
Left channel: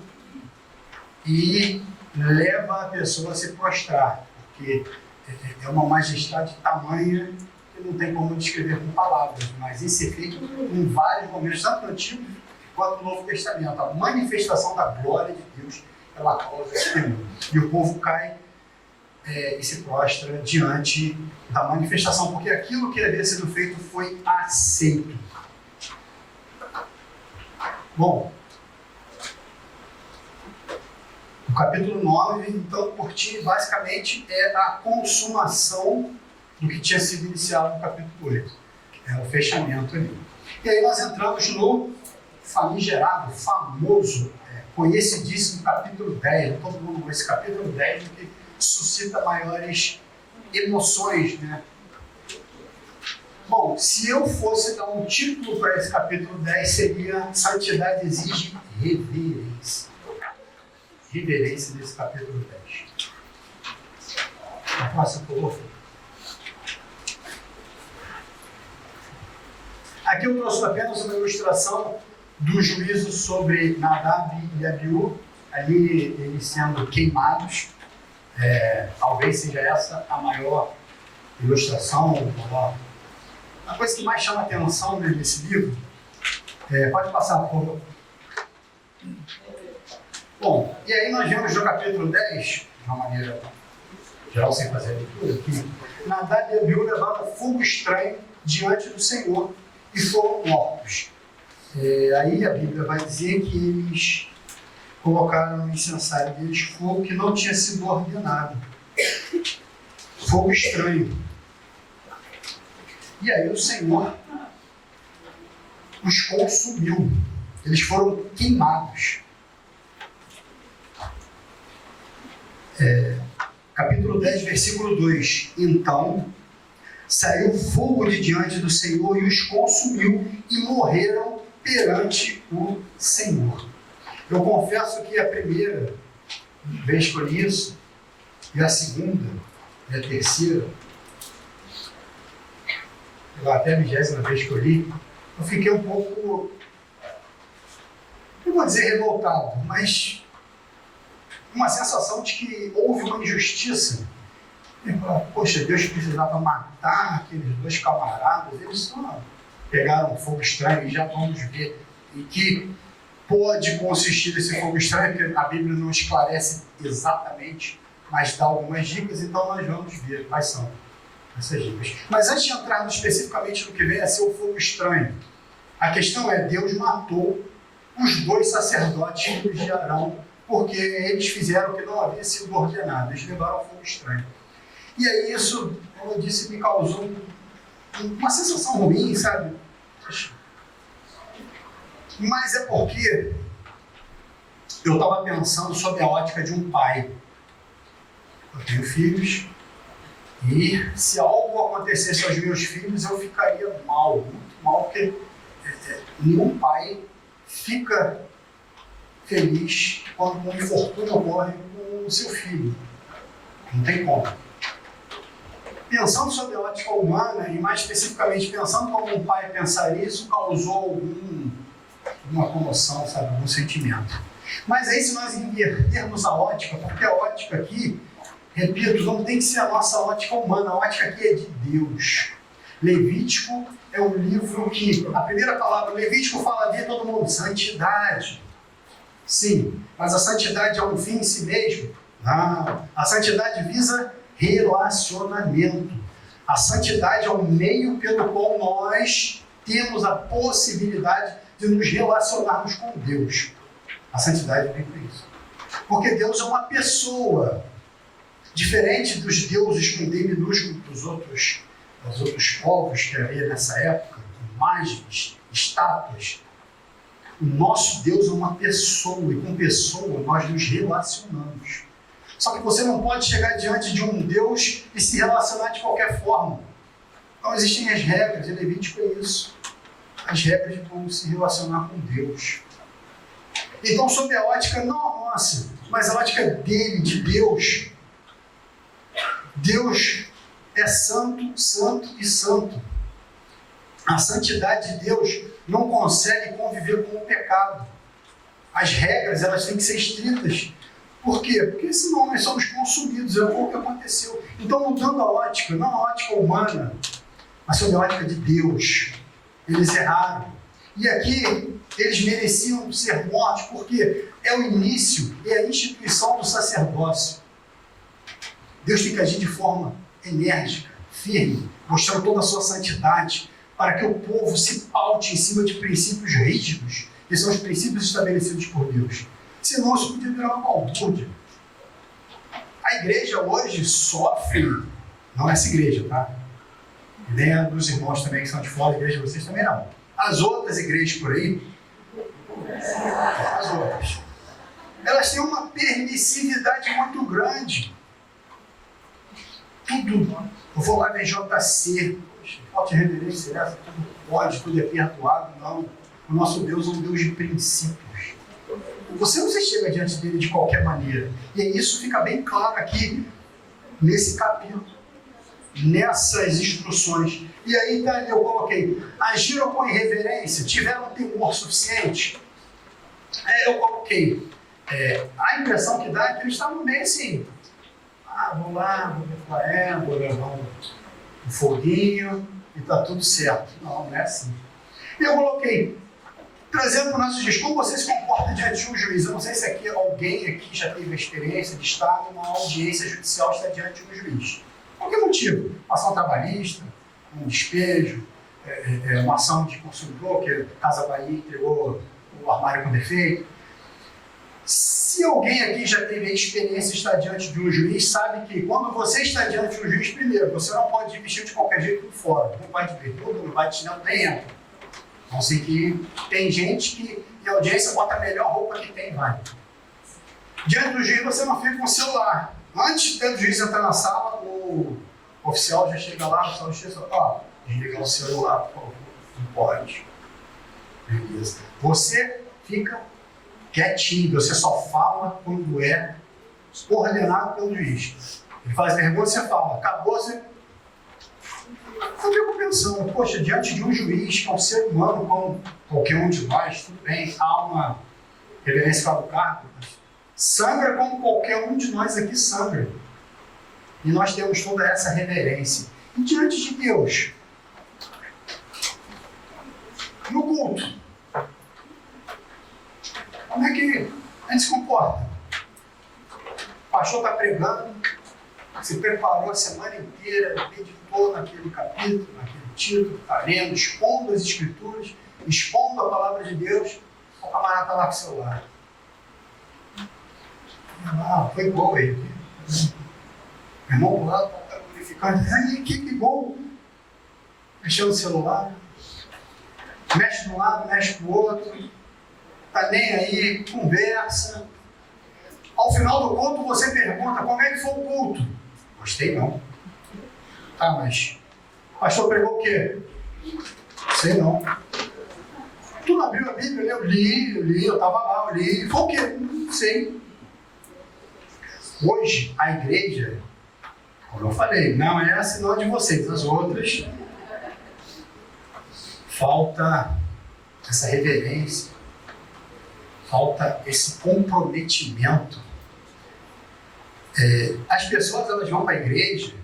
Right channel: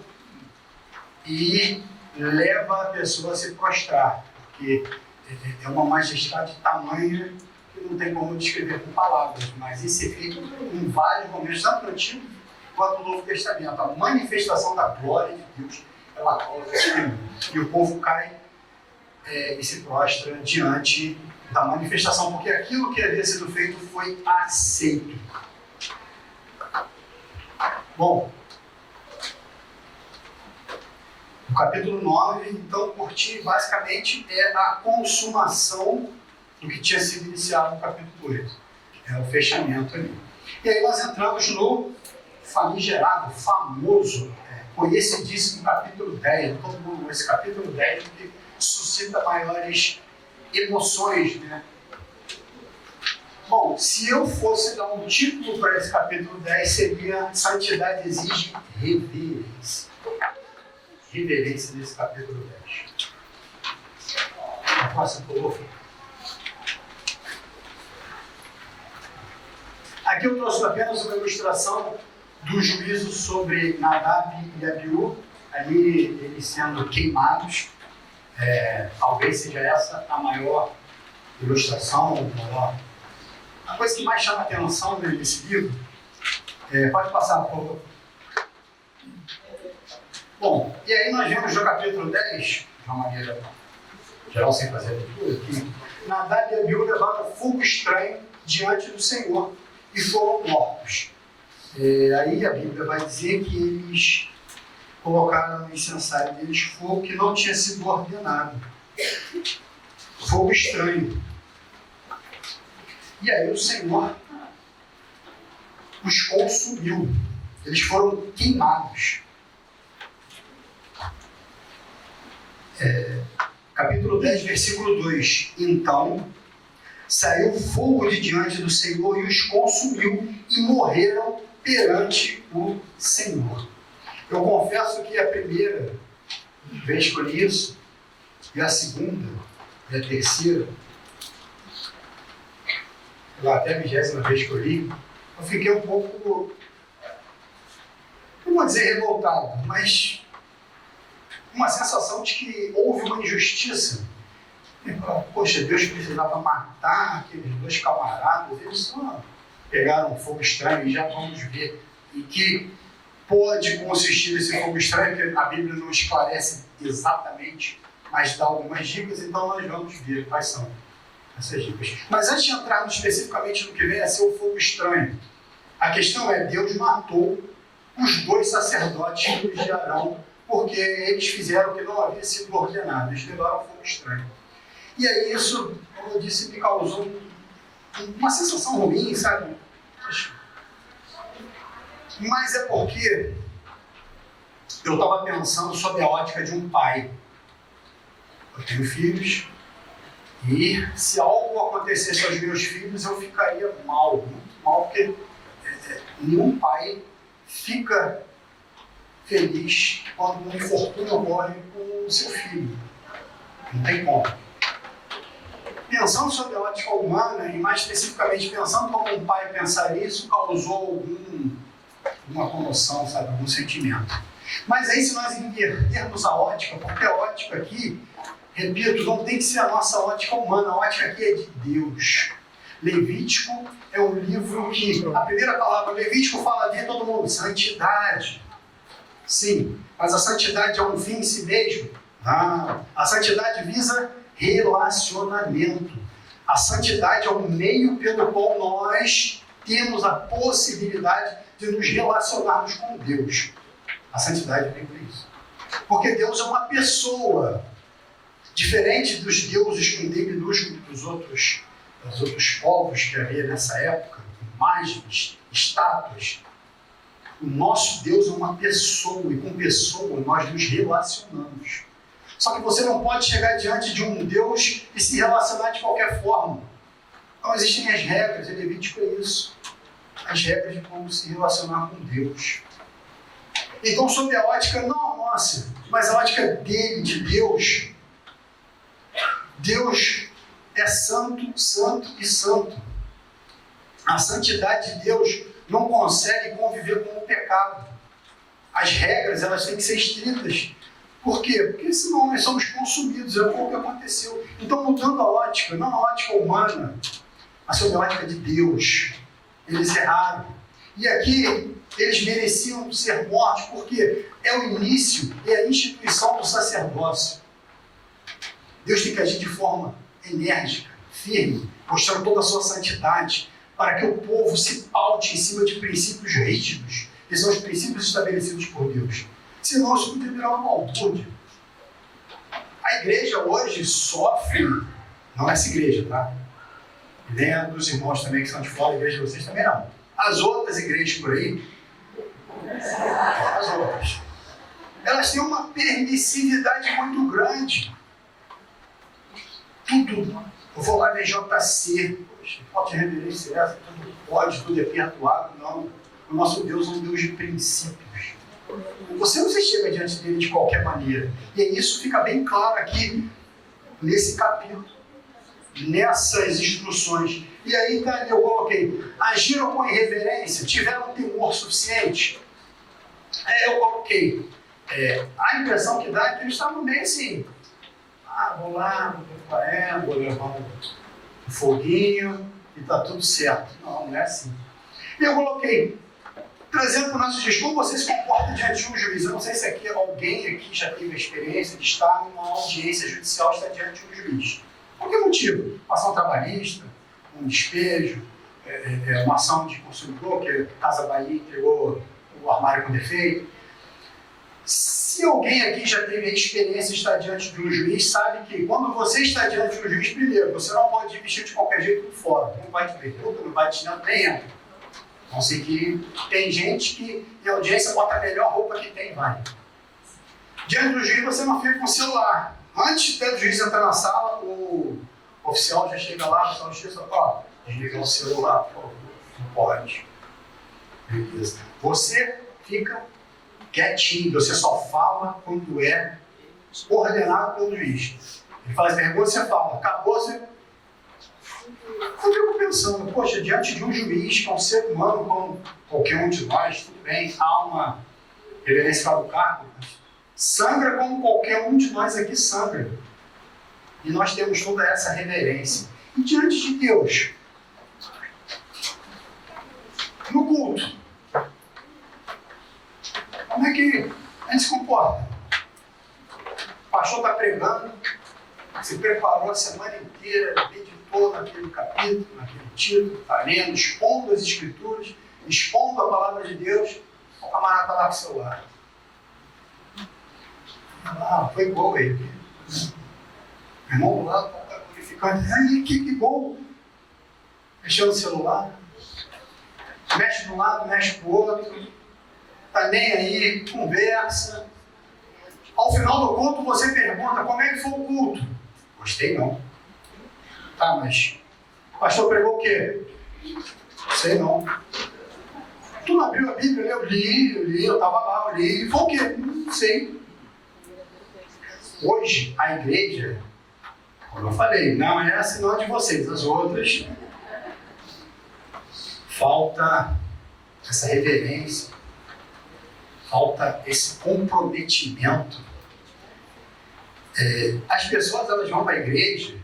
e leva a pessoa a se prostrar, porque é uma majestade tamanha que não tem como descrever com palavras, mas isso é feito em vários momentos, tanto no Antigo quanto no Novo Testamento. A manifestação da glória de Deus, ela causa esse temor. E o povo cai e se prostra diante da manifestação, porque aquilo que havia sido feito foi aceito. Bom, o capítulo 9, então, por ti, basicamente é a consumação do que tinha sido iniciado no capítulo 8. É o fechamento ali. E aí nós entramos no famigerado, famoso, conhecidíssimo capítulo 10. Todo mundo, esse capítulo 10 que suscita maiores emoções, né? Bom, se eu fosse dar um título para esse capítulo 10, seria Santidade exige reverência. Reverência desse capítulo 10. A próxima, por favor. Aqui eu trouxe apenas uma ilustração do juízo sobre Nadab e Abiú, ali eles sendo queimados. Talvez seja essa a maior ilustração, a coisa que mais chama a atenção nesse livro. Pode passar, por favor. Bom, e aí nós vemos no capítulo 10, de uma maneira geral, sem fazer a leitura aqui, Nadab e Abiú levaram fogo estranho diante do Senhor e foram mortos. Aí a Bíblia vai dizer que eles colocaram no incensário deles fogo que não tinha sido ordenado. Fogo estranho. E aí o Senhor os consumiu. Eles foram queimados. Capítulo 10, versículo 2. Então saiu fogo de diante do Senhor e os consumiu e morreram perante o Senhor. Eu confesso que a primeira vez que eu li isso, e a segunda, e a terceira, até a 20ª vez que eu li, eu fiquei um pouco, não vou dizer revoltado, mas uma sensação de que houve uma injustiça. Poxa, Deus precisava matar aqueles dois camaradas, eles só pegaram um fogo estranho e já vamos ver em que pode consistir esse fogo estranho, porque a Bíblia não esclarece exatamente, mas dá algumas dicas, então nós vamos ver quais são essas dicas. Mas antes de entrarmos especificamente no que vem a ser o fogo estranho, a questão é: Deus matou os dois sacerdotes filhos de Arão, porque eles fizeram o que não havia sido ordenado, eles levaram fogo estranho. E aí isso, como eu disse, me causou uma sensação ruim, sabe? Mas é porque eu estava pensando sobre a ótica de um pai. Eu tenho filhos e se algo acontecesse aos meus filhos, eu ficaria mal, muito mal, porque nenhum pai fica feliz quando um infortúnio ocorre com o seu filho. Não tem como. Pensando sobre a ótica humana, e mais especificamente pensando como um pai pensaria, isso causou alguma comoção, sabe, algum sentimento. Mas aí, se nós invertermos a ótica, porque a ótica aqui, repito, não tem que ser a nossa ótica humana, a ótica aqui é de Deus. Levítico é um livro que, a primeira palavra Levítico fala de todo mundo, santidade. Sim, mas a santidade é um fim em si mesmo? Não. A santidade visa relacionamento. A santidade é o meio pelo qual nós temos a possibilidade de nos relacionarmos com Deus. A santidade vem por isso. Porque Deus é uma pessoa, diferente dos deuses com D minúsculo dos outros povos que havia nessa época, imagens, estátuas. O nosso Deus é uma pessoa, e com pessoa nós nos relacionamos. Só que você não pode chegar diante de um Deus e se relacionar de qualquer forma. Então existem as regras, e Levítico é isso. As regras de como se relacionar com Deus. Então, sob a ótica, não a nossa, mas a ótica dele, de Deus, Deus é santo, santo e santo. A santidade de Deus não consegue conviver com o pecado. As regras, elas têm que ser estritas. Por quê? Porque senão nós somos consumidos, é o que aconteceu. Então, mudando a ótica, não a ótica humana, mas sob a ótica de Deus, eles erraram. E aqui, eles mereciam ser mortos, porque é o início e a instituição do sacerdócio. Deus tem que agir de forma enérgica, firme, mostrando toda a sua santidade, para que o povo se paute em cima de princípios rígidos, que são os princípios estabelecidos por Deus. Senão isso podia virar uma balbúrdia. A igreja hoje sofre, não essa igreja, tá? E nem a dos irmãos também que são de fora, a igreja de vocês também não. As outras igrejas por aí, as outras, elas têm uma permissividade muito grande. Tudo. Eu vou lá na JC, Poxa, falta de reverência essa, tudo pode, tudo é perdoado. Não. O nosso Deus é um Deus de princípios. Você não se chega diante dele de qualquer maneira. E isso fica bem claro aqui, nesse capítulo, nessas instruções. E aí eu coloquei, agiram com irreverência, tiveram temor suficiente. Eu coloquei, a impressão que dá é que eles estavam meio assim, vou lá, vou levar vou levar um foguinho e tá tudo certo. Não, não é assim. E eu coloquei, trazendo para o nosso dias, como você se comporta diante de um juiz. Eu não sei se alguém aqui já teve a experiência de estar numa audiência judicial, estar diante de um juiz. Por que motivo? Uma ação trabalhista, um despejo, uma ação de consumidor, que a Casa Bahia entregou o armário com defeito. Se alguém aqui já teve a experiência de estar diante de um juiz, sabe que quando você está diante de um juiz, primeiro, você não pode vestir de qualquer jeito por fora. Não pode ver tudo, não vai te nem dentro. Então, assim que tem gente que em audiência bota a melhor roupa que tem, vai. Diante do juiz você não fica com o celular. Antes do juiz entrar na sala, o oficial já chega lá, o oficial de justiça, desliga o celular, por favor. Não pode. Beleza. Você fica quietinho, você só fala quando é ordenado pelo juiz. Ele faz pergunta, você fala, acabou, você... Eu fico pensando, poxa, diante de um juiz, que é um ser humano como qualquer um de nós, tudo bem, há uma reverência para o cargo, mas sangra como qualquer um de nós aqui sangra. E nós temos toda essa reverência. E diante de Deus, no culto, como é que a gente se comporta? O pastor está pregando, se preparou a semana inteira, meditou naquele capítulo, naquele título, está lendo, expondo as escrituras, expondo a palavra de Deus, o camarada está lá com o celular. Foi gol aí. O irmão lá está glorificando. Aí, que gol! Mexeu no celular, mexe de um lado, mexe para o outro, está nem aí, conversa. Ao final do culto, você pergunta como é que foi o culto. Gostei não. Tá, mas o pastor pregou o quê? Sei não. Tu não abriu a Bíblia? Eu li, eu estava lá, eu li. Foi o quê? Não sei. Hoje, a igreja, como eu falei, não é assim não de vocês, as outras, falta essa reverência, falta esse comprometimento. As pessoas, elas vão para a igreja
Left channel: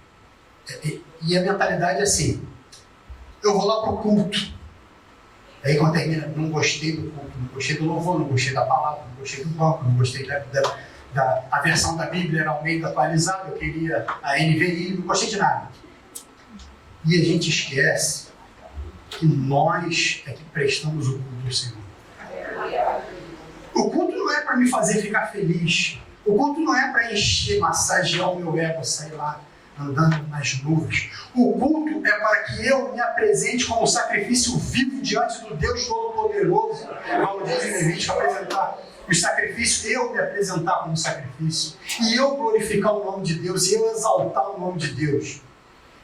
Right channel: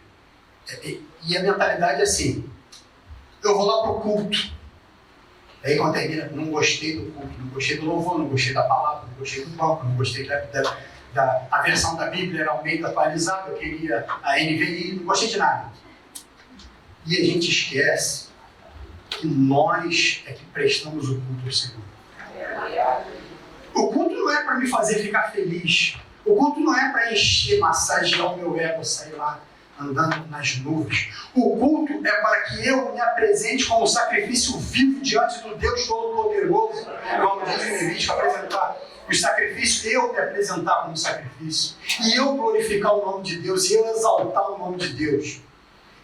e a mentalidade é assim, eu vou lá para o culto. Aí quando termina, não gostei do culto, não gostei do louvor, não gostei da palavra, não gostei do banco, não gostei a versão da Bíblia era Almeida atualizada, eu queria a NVI, não gostei de nada. E a gente esquece que nós é que prestamos o culto ao Senhor. O culto não é para me fazer ficar feliz. O culto não é para encher, massagear o meu ego, sair lá andando nas nuvens. O culto é para que eu me apresente como um sacrifício vivo diante do Deus Todo-Poderoso. Como diz em Levítico, apresentar os sacrifícios, eu me apresentar como sacrifício. E eu glorificar o nome de Deus, e eu exaltar o nome de Deus.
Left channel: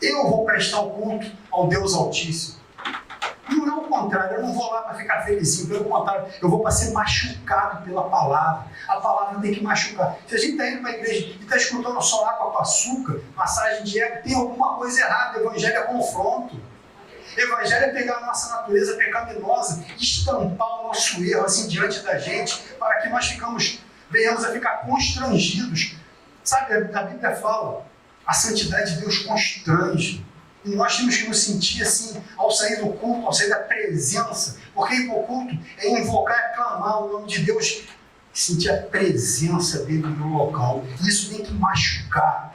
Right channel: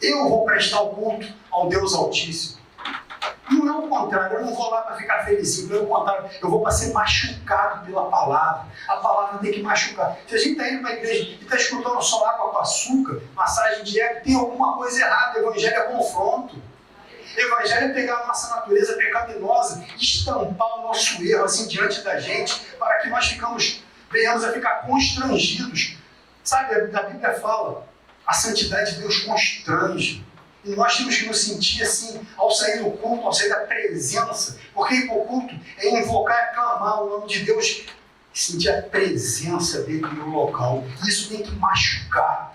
Eu vou prestar o culto ao Deus Altíssimo. Não é o contrário, eu não vou lá para ficar felizinho, pelo contrário, eu vou para ser machucado pela palavra. A palavra tem que machucar. Se a gente está indo para a igreja e está escutando só água com açúcar, massagem de ego, tem alguma coisa errada. O evangelho é confronto. O evangelho é pegar a nossa natureza pecaminosa e estampar o nosso erro assim diante da gente, para que nós venhamos a ficar constrangidos. Sabe, a Bíblia fala, a santidade de Deus constrange. E nós temos que nos sentir assim, ao sair do culto, ao sair da presença. Porque ir para o culto é invocar e clamar o nome de Deus. E sentir a presença dele no local. Isso tem que machucar.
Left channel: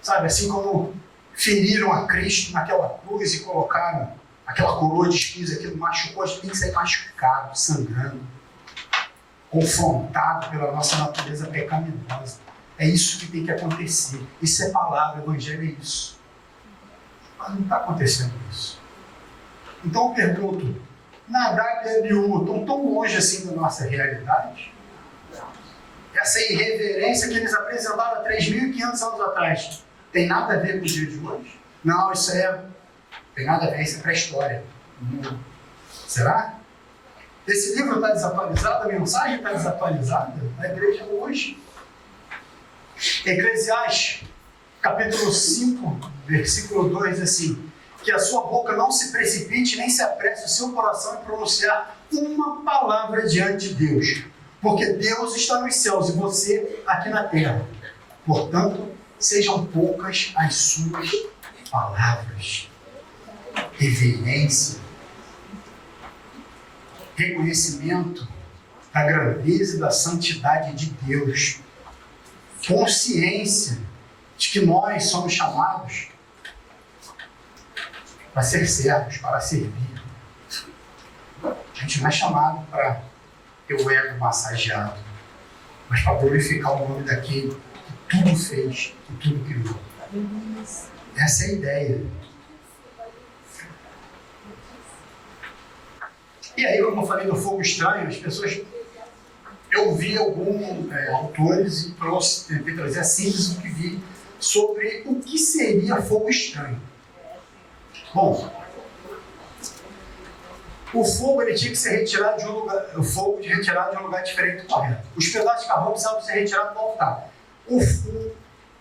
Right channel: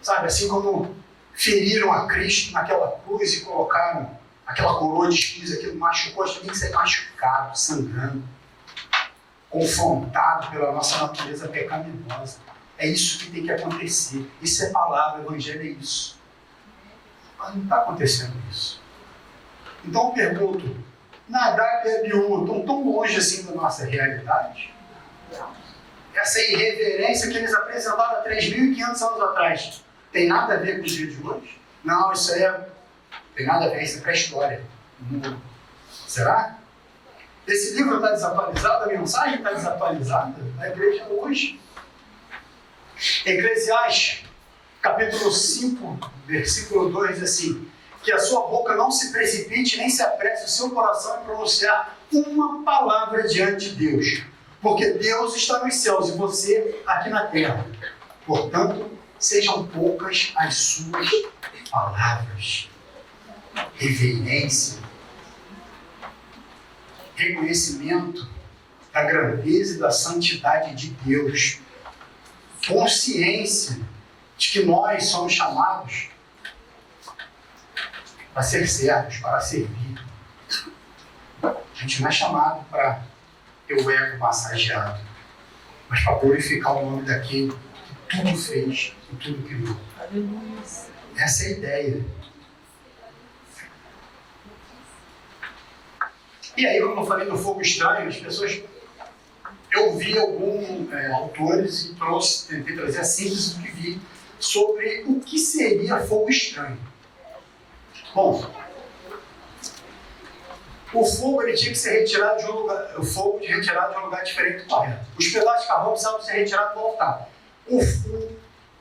Sabe, assim como feriram a Cristo naquela cruz e colocaram aquela coroa de espinhos, aquilo machucou, a gente tem que ser machucado, sangrando, confrontado pela nossa natureza pecaminosa. É isso que tem que acontecer. Isso é palavra, o evangelho é isso. Mas não está acontecendo isso. Então eu pergunto, Nadab e Abiú estão tão longe assim da nossa realidade? Essa irreverência que eles apresentaram há 3.500 anos atrás tem nada a ver com o dia de hoje? Não, isso aí tem nada a ver, isso é pré-história. Será? Esse livro está desatualizado, a mensagem está desatualizada, a igreja hoje. Eclesiastes, capítulo 5, versículo 2, diz assim: que a sua boca não se precipite, nem se apresse o seu coração em pronunciar uma palavra diante de Deus, porque Deus está nos céus e você aqui na terra. Portanto, sejam poucas as suas palavras. Reverência, reconhecimento da grandeza e da santidade de Deus, consciência de que nós somos chamados para ser servos, para servir. A gente não é chamado para ter o ego massageado, mas para glorificar o nome daquele que tudo fez, que tudo criou. Essa é a ideia. E aí, como eu falei do fogo estranho, as pessoas... Eu vi alguns autores e tentei trazer a síntese do que vi sobre o que seria fogo estranho. Bom, o fogo ele tinha que ser retirado de um lugar, retirado de um lugar diferente do correto. Os pedaços de carvão precisavam ser retirados do altar.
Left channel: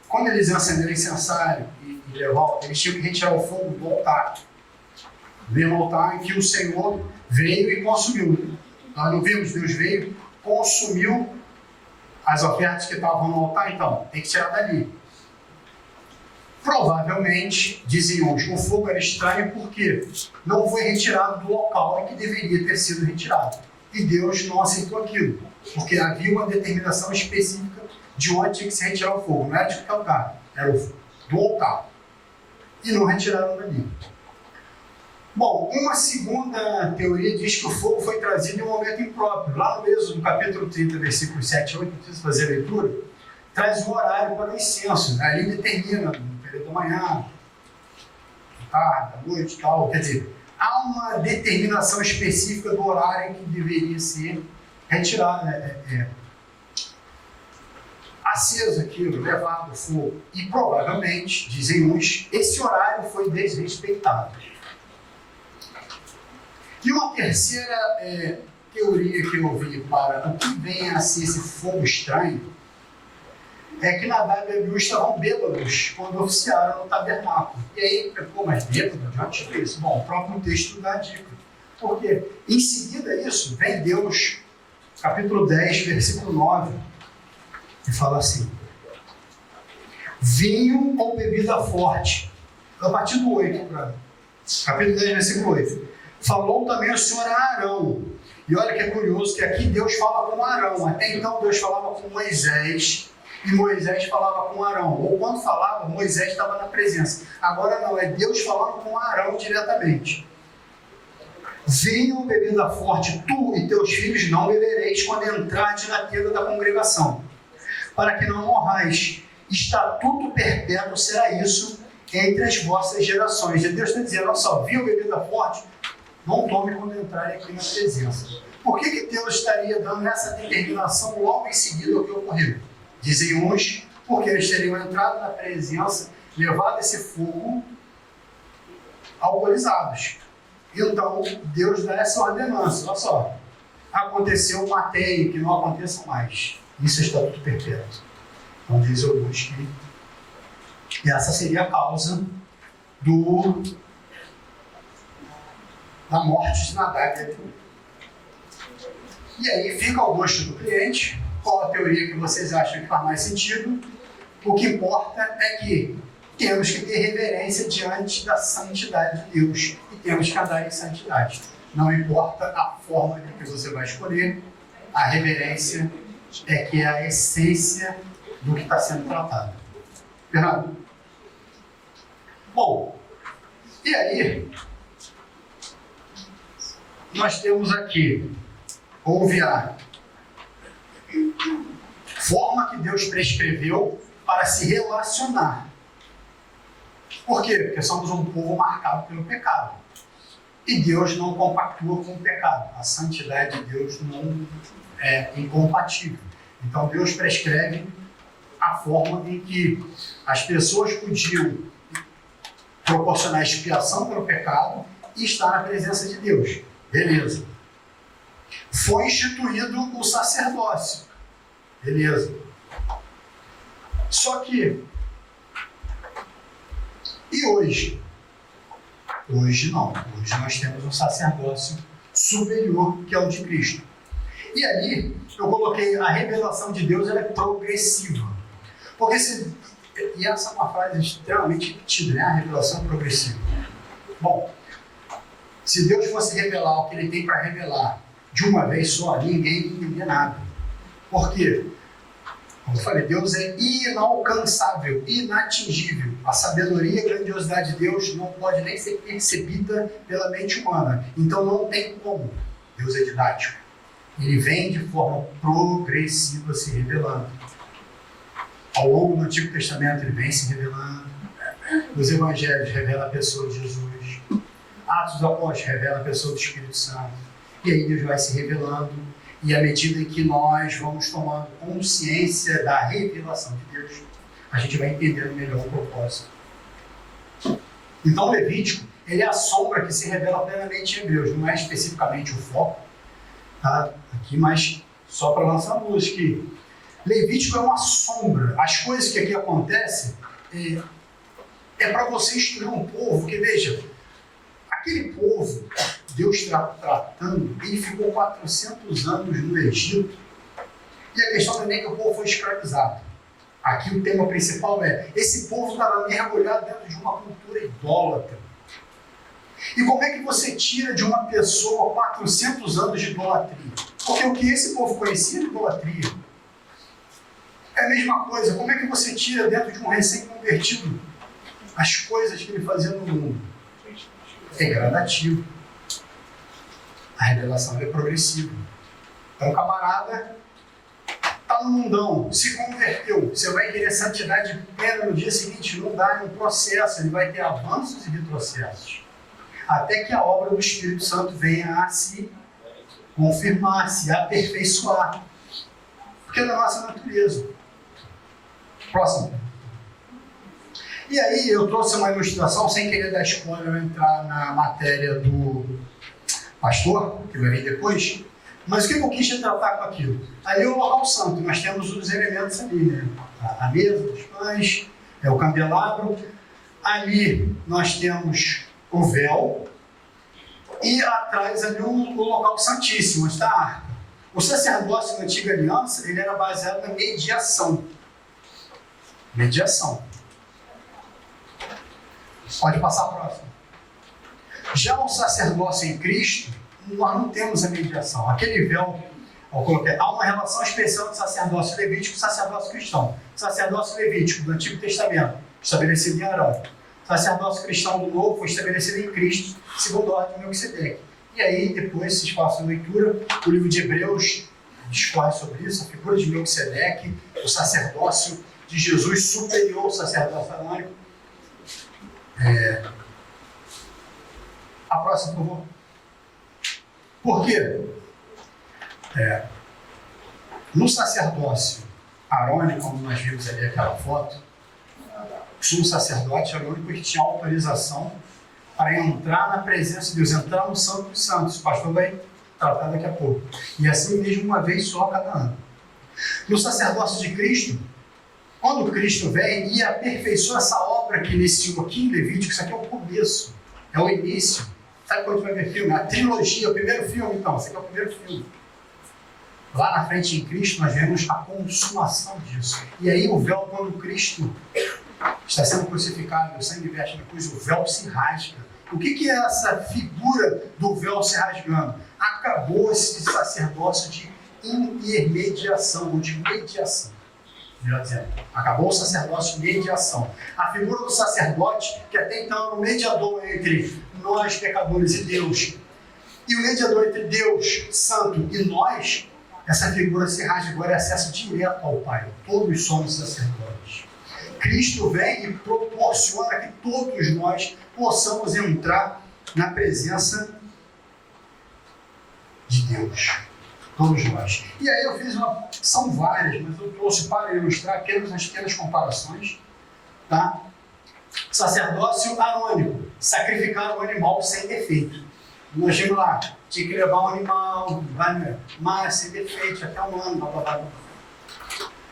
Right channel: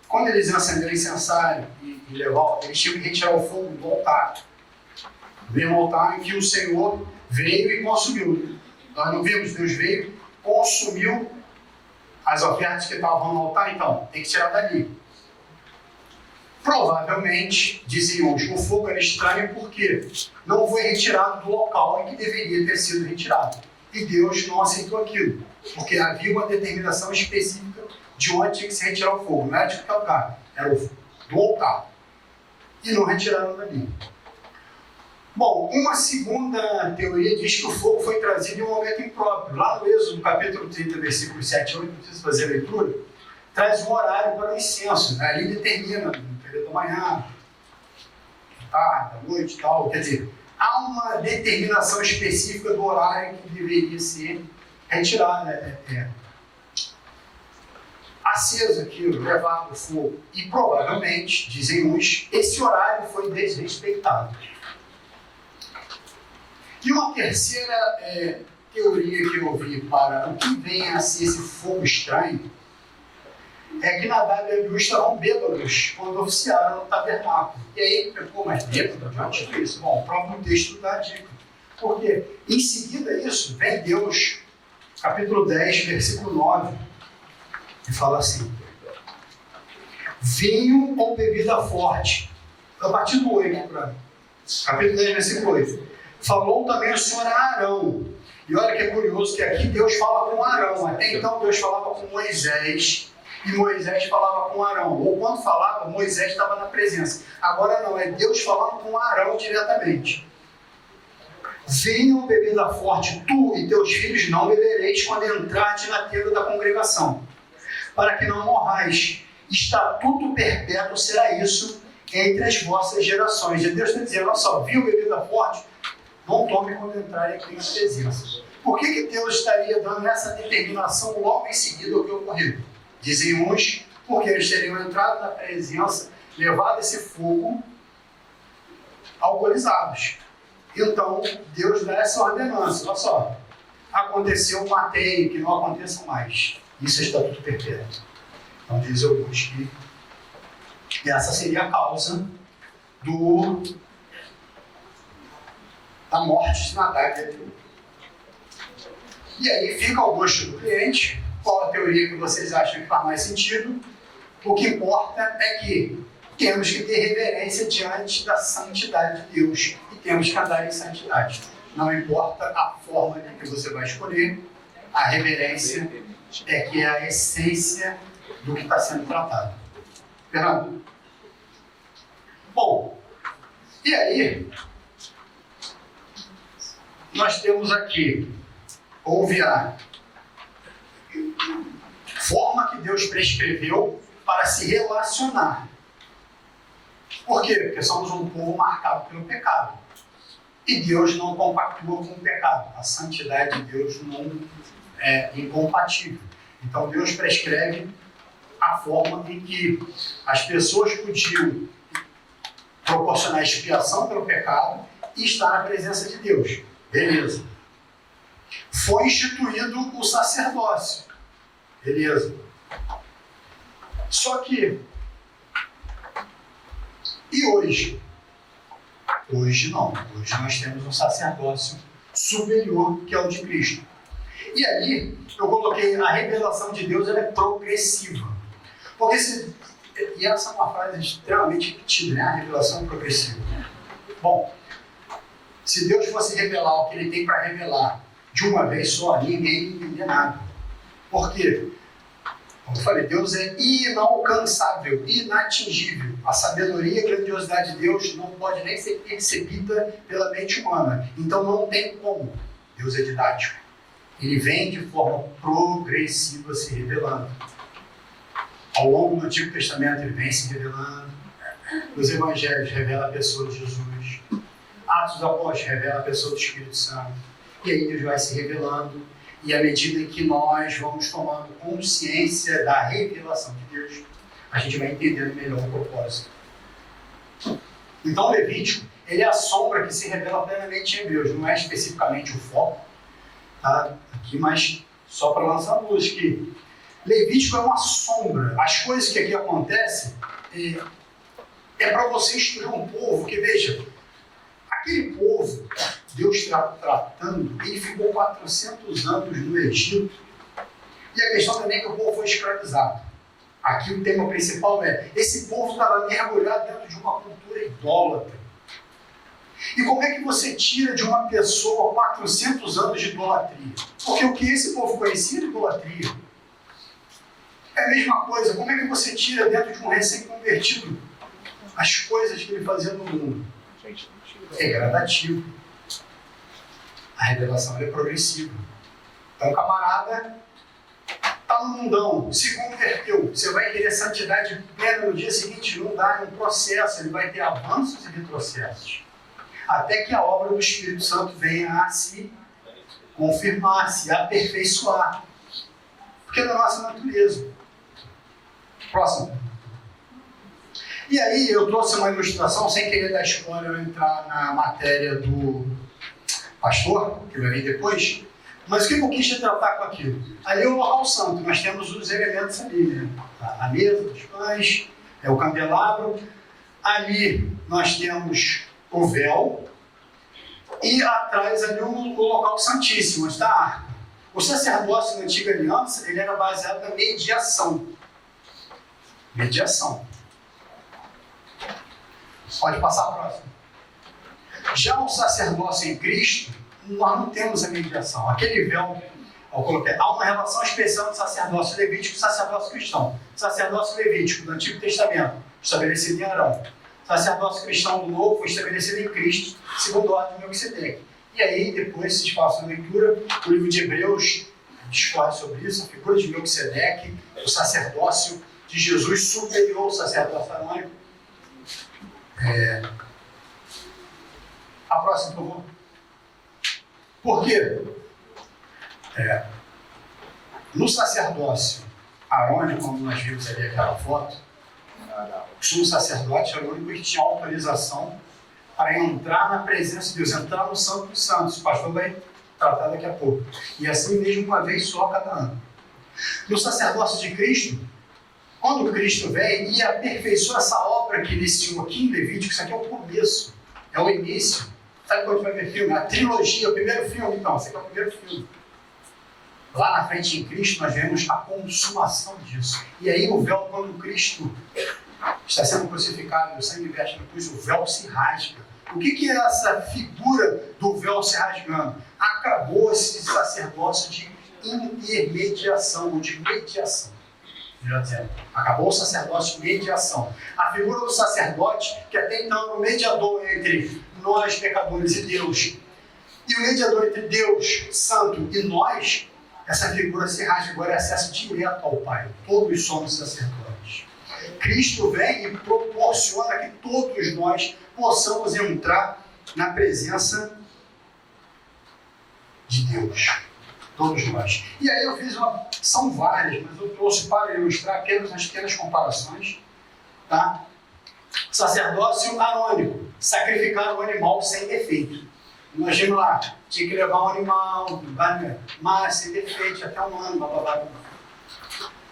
Quando eles iam acender o incensário e levar, eles tinham que retirar o fogo do altar. Do mesmo altar em que o Senhor veio e consumiu. Nós não vimos, Deus veio, consumiu as ofertas que estavam no altar, então tem que tirar dali. Provavelmente, dizem uns, o fogo era estranho porque não foi retirado do local em que deveria ter sido retirado. E Deus não aceitou aquilo, porque havia uma determinação específica de onde tinha que se retirar o fogo. Não era de qualquer lugar, era do altar. E não retiraram dali. Bom, uma segunda teoria diz que o fogo foi trazido em um momento impróprio. Lá no Êxodo, no capítulo 30, versículos 7 e 8, não preciso fazer a leitura, traz um horário para o incenso. Né? Ali determina, no período da manhã, da tarde, da noite e tal. Quer dizer, há uma determinação específica do horário que deveria ser retirado, aceso aquilo, levado ao fogo. E provavelmente, dizem uns, esse horário foi desrespeitado. E uma terceira teoria que eu vi para o que vem a ser esse fogo estranho é que Nadab e Abiú estavam bêbados quando oficiaram no tabernáculo. E aí, mas bêbado? De onde é isso? Bom, o próprio texto dá a dica. Porque em seguida isso, vem Deus, capítulo 10, versículo 9, e fala assim: vinho ou bebida forte. A partir do 8, capítulo 10, versículo 8. Falou também o Senhor a Arão. E olha que é curioso que aqui Deus fala com Arão. Até então Deus falava com Moisés e Moisés falava com Arão. Ou quando falava, Moisés estava na presença. Agora não, é Deus falando com Arão diretamente. Venham bebida forte, tu e teus filhos não bebereis quando entrardes na tenda da congregação, para que não morrais. Estatuto perpétuo será isso entre as vossas gerações. E Deus está dizendo, olha só, viu bebida forte? Não tome quando entrarem aqui na presença. Por que Deus estaria dando essa determinação logo em seguida ao que ocorreu? Dizem uns, porque eles teriam entrado na presença, levado esse fogo alcoolizados. Então, Deus dá essa ordenança. Olha só, aconteceu, matei, que não aconteça mais. Isso é estatuto perpétuo. Então, diz alguns que essa seria a causa da morte de Nadab e Abiú. E aí fica ao gosto do cliente, qual a teoria que vocês acham que faz mais sentido. O que importa é que temos que ter reverência diante da santidade de Deus e temos que andar em santidade. Não importa a forma que você vai escolher, a reverência é que é a essência do que está sendo tratado. Fernando? Bom, e aí nós temos aqui, houve a forma que Deus prescreveu para se relacionar. Por quê? Porque somos um povo marcado pelo pecado. E Deus não compactua com o pecado. A santidade de Deus não é incompatível. Então Deus prescreve a forma em que as pessoas podiam proporcionar expiação pelo pecado e estar na presença de Deus. Beleza. Foi instituído o sacerdócio. Beleza. Só que, e hoje? Hoje não. Hoje nós temos um sacerdócio superior, que é o de Cristo. E ali, eu coloquei a revelação de Deus, ela é progressiva. Porque e essa é uma frase extremamente repetida, né? A revelação progressiva. Bom, se Deus fosse revelar o que Ele tem para revelar de uma vez só, ninguém entenderia nada. Por quê? Como eu falei, Deus é inalcançável, inatingível. A sabedoria e a grandiosidade de Deus não pode nem ser percebida pela mente humana. Então não tem como. Deus é didático. Ele vem de forma progressiva se revelando. Ao longo do Antigo Testamento ele vem se revelando. Nos Evangelhos revela a pessoa de Jesus. Atos dos Apóstolos revela a pessoa do Espírito Santo. E aí Deus vai se revelando. E à medida em que nós vamos tomando consciência da revelação de Deus, a gente vai entendendo melhor o propósito. Então, Levítico, ele é a sombra que se revela plenamente em Hebreus. Não é especificamente o foco, tá? Aqui, mas só para lançar luz que Levítico é uma sombra. As coisas que aqui acontecem é para você instruir um povo que, veja, aquele povo, Deus tratando, ele ficou 400 anos no Egito. E a questão também é que o povo foi escravizado. Aqui o tema principal é, esse povo estava mergulhado dentro de uma cultura idólatra. E como é que você tira de uma pessoa 400 anos de idolatria? Porque o que esse povo conhecia era idolatria. É a mesma coisa, como é que você tira dentro de um recém-convertido as coisas que ele fazia no mundo? É gradativo. A revelação é progressiva. Então o camarada está no mundão, se converteu, você vai querer santidade plena no dia seguinte, não dá, é um processo, ele vai ter avanços e retrocessos. Até que a obra do Espírito Santo venha a se confirmar, se aperfeiçoar. Porque é da nossa natureza. Próximo. E aí eu trouxe uma ilustração, sem querer dar spoiler, eu entrar na matéria do pastor, que vai vir depois. Mas o que eu quis tratar com aquilo? Ali é o local santo, nós temos os elementos ali, né? A mesa dos pães, o candelabro. Ali nós temos o véu e atrás ali o local santíssimo, onde está a arca. O sacerdócio na antiga aliança, ele era baseado na mediação. Mediação. Pode passar a próxima. Já o sacerdócio em Cristo, nós não temos a mediação. Aquele véu, eu coloquei, há uma relação especial do sacerdócio levítico e sacerdócio cristão. O sacerdócio levítico do Antigo Testamento, estabelecido em Arão. O sacerdócio cristão do Novo foi estabelecido em Cristo, segundo a ordem de Melquisedeque. E aí, depois, vocês façam a leitura, o livro de Hebreus discorre sobre isso, a figura de Melquisedeque, o sacerdócio de Jesus superior ao sacerdócio arônico. A próxima, por favor. Por quê? No sacerdócio arônico, como nós vimos ali aquela foto, o sumo sacerdote era o único que tinha autorização para entrar na presença de Deus, entrar no Santo dos Santos. O pastor vai tratar daqui a pouco. E assim mesmo uma vez só cada ano. No sacerdócio de Cristo, quando Cristo vem e aperfeiçoa essa obra que iniciou aqui em Levítico, isso aqui é o começo, é o início. Sabe quando vai ver filme? A trilogia, o primeiro filme, então. Esse aqui é o primeiro filme. Lá na frente, em Cristo, nós vemos a consumação disso. E aí o véu, quando Cristo está sendo crucificado, o sangue verte na cruz, o véu se rasga. O que é essa figura do véu se rasgando? Acabou esse sacerdócio de intermediação, ou de mediação. Acabou o sacerdócio de mediação. A figura do sacerdote, que até então era o mediador entre nós, pecadores, e Deus, e o mediador entre Deus, Santo, e nós, essa figura se rasga, agora é acesso direto ao Pai. Todos somos sacerdotes. Cristo vem e proporciona que todos nós possamos entrar na presença de Deus. Todos nós. E aí eu fiz são várias, mas eu trouxe para ilustrar apenas as pequenas comparações, tá? Sacerdócio arônico, sacrificar um animal sem defeito. Nós vimos lá, tinha que levar um animal, mas sem defeito, até um ano, blá, blá, blá.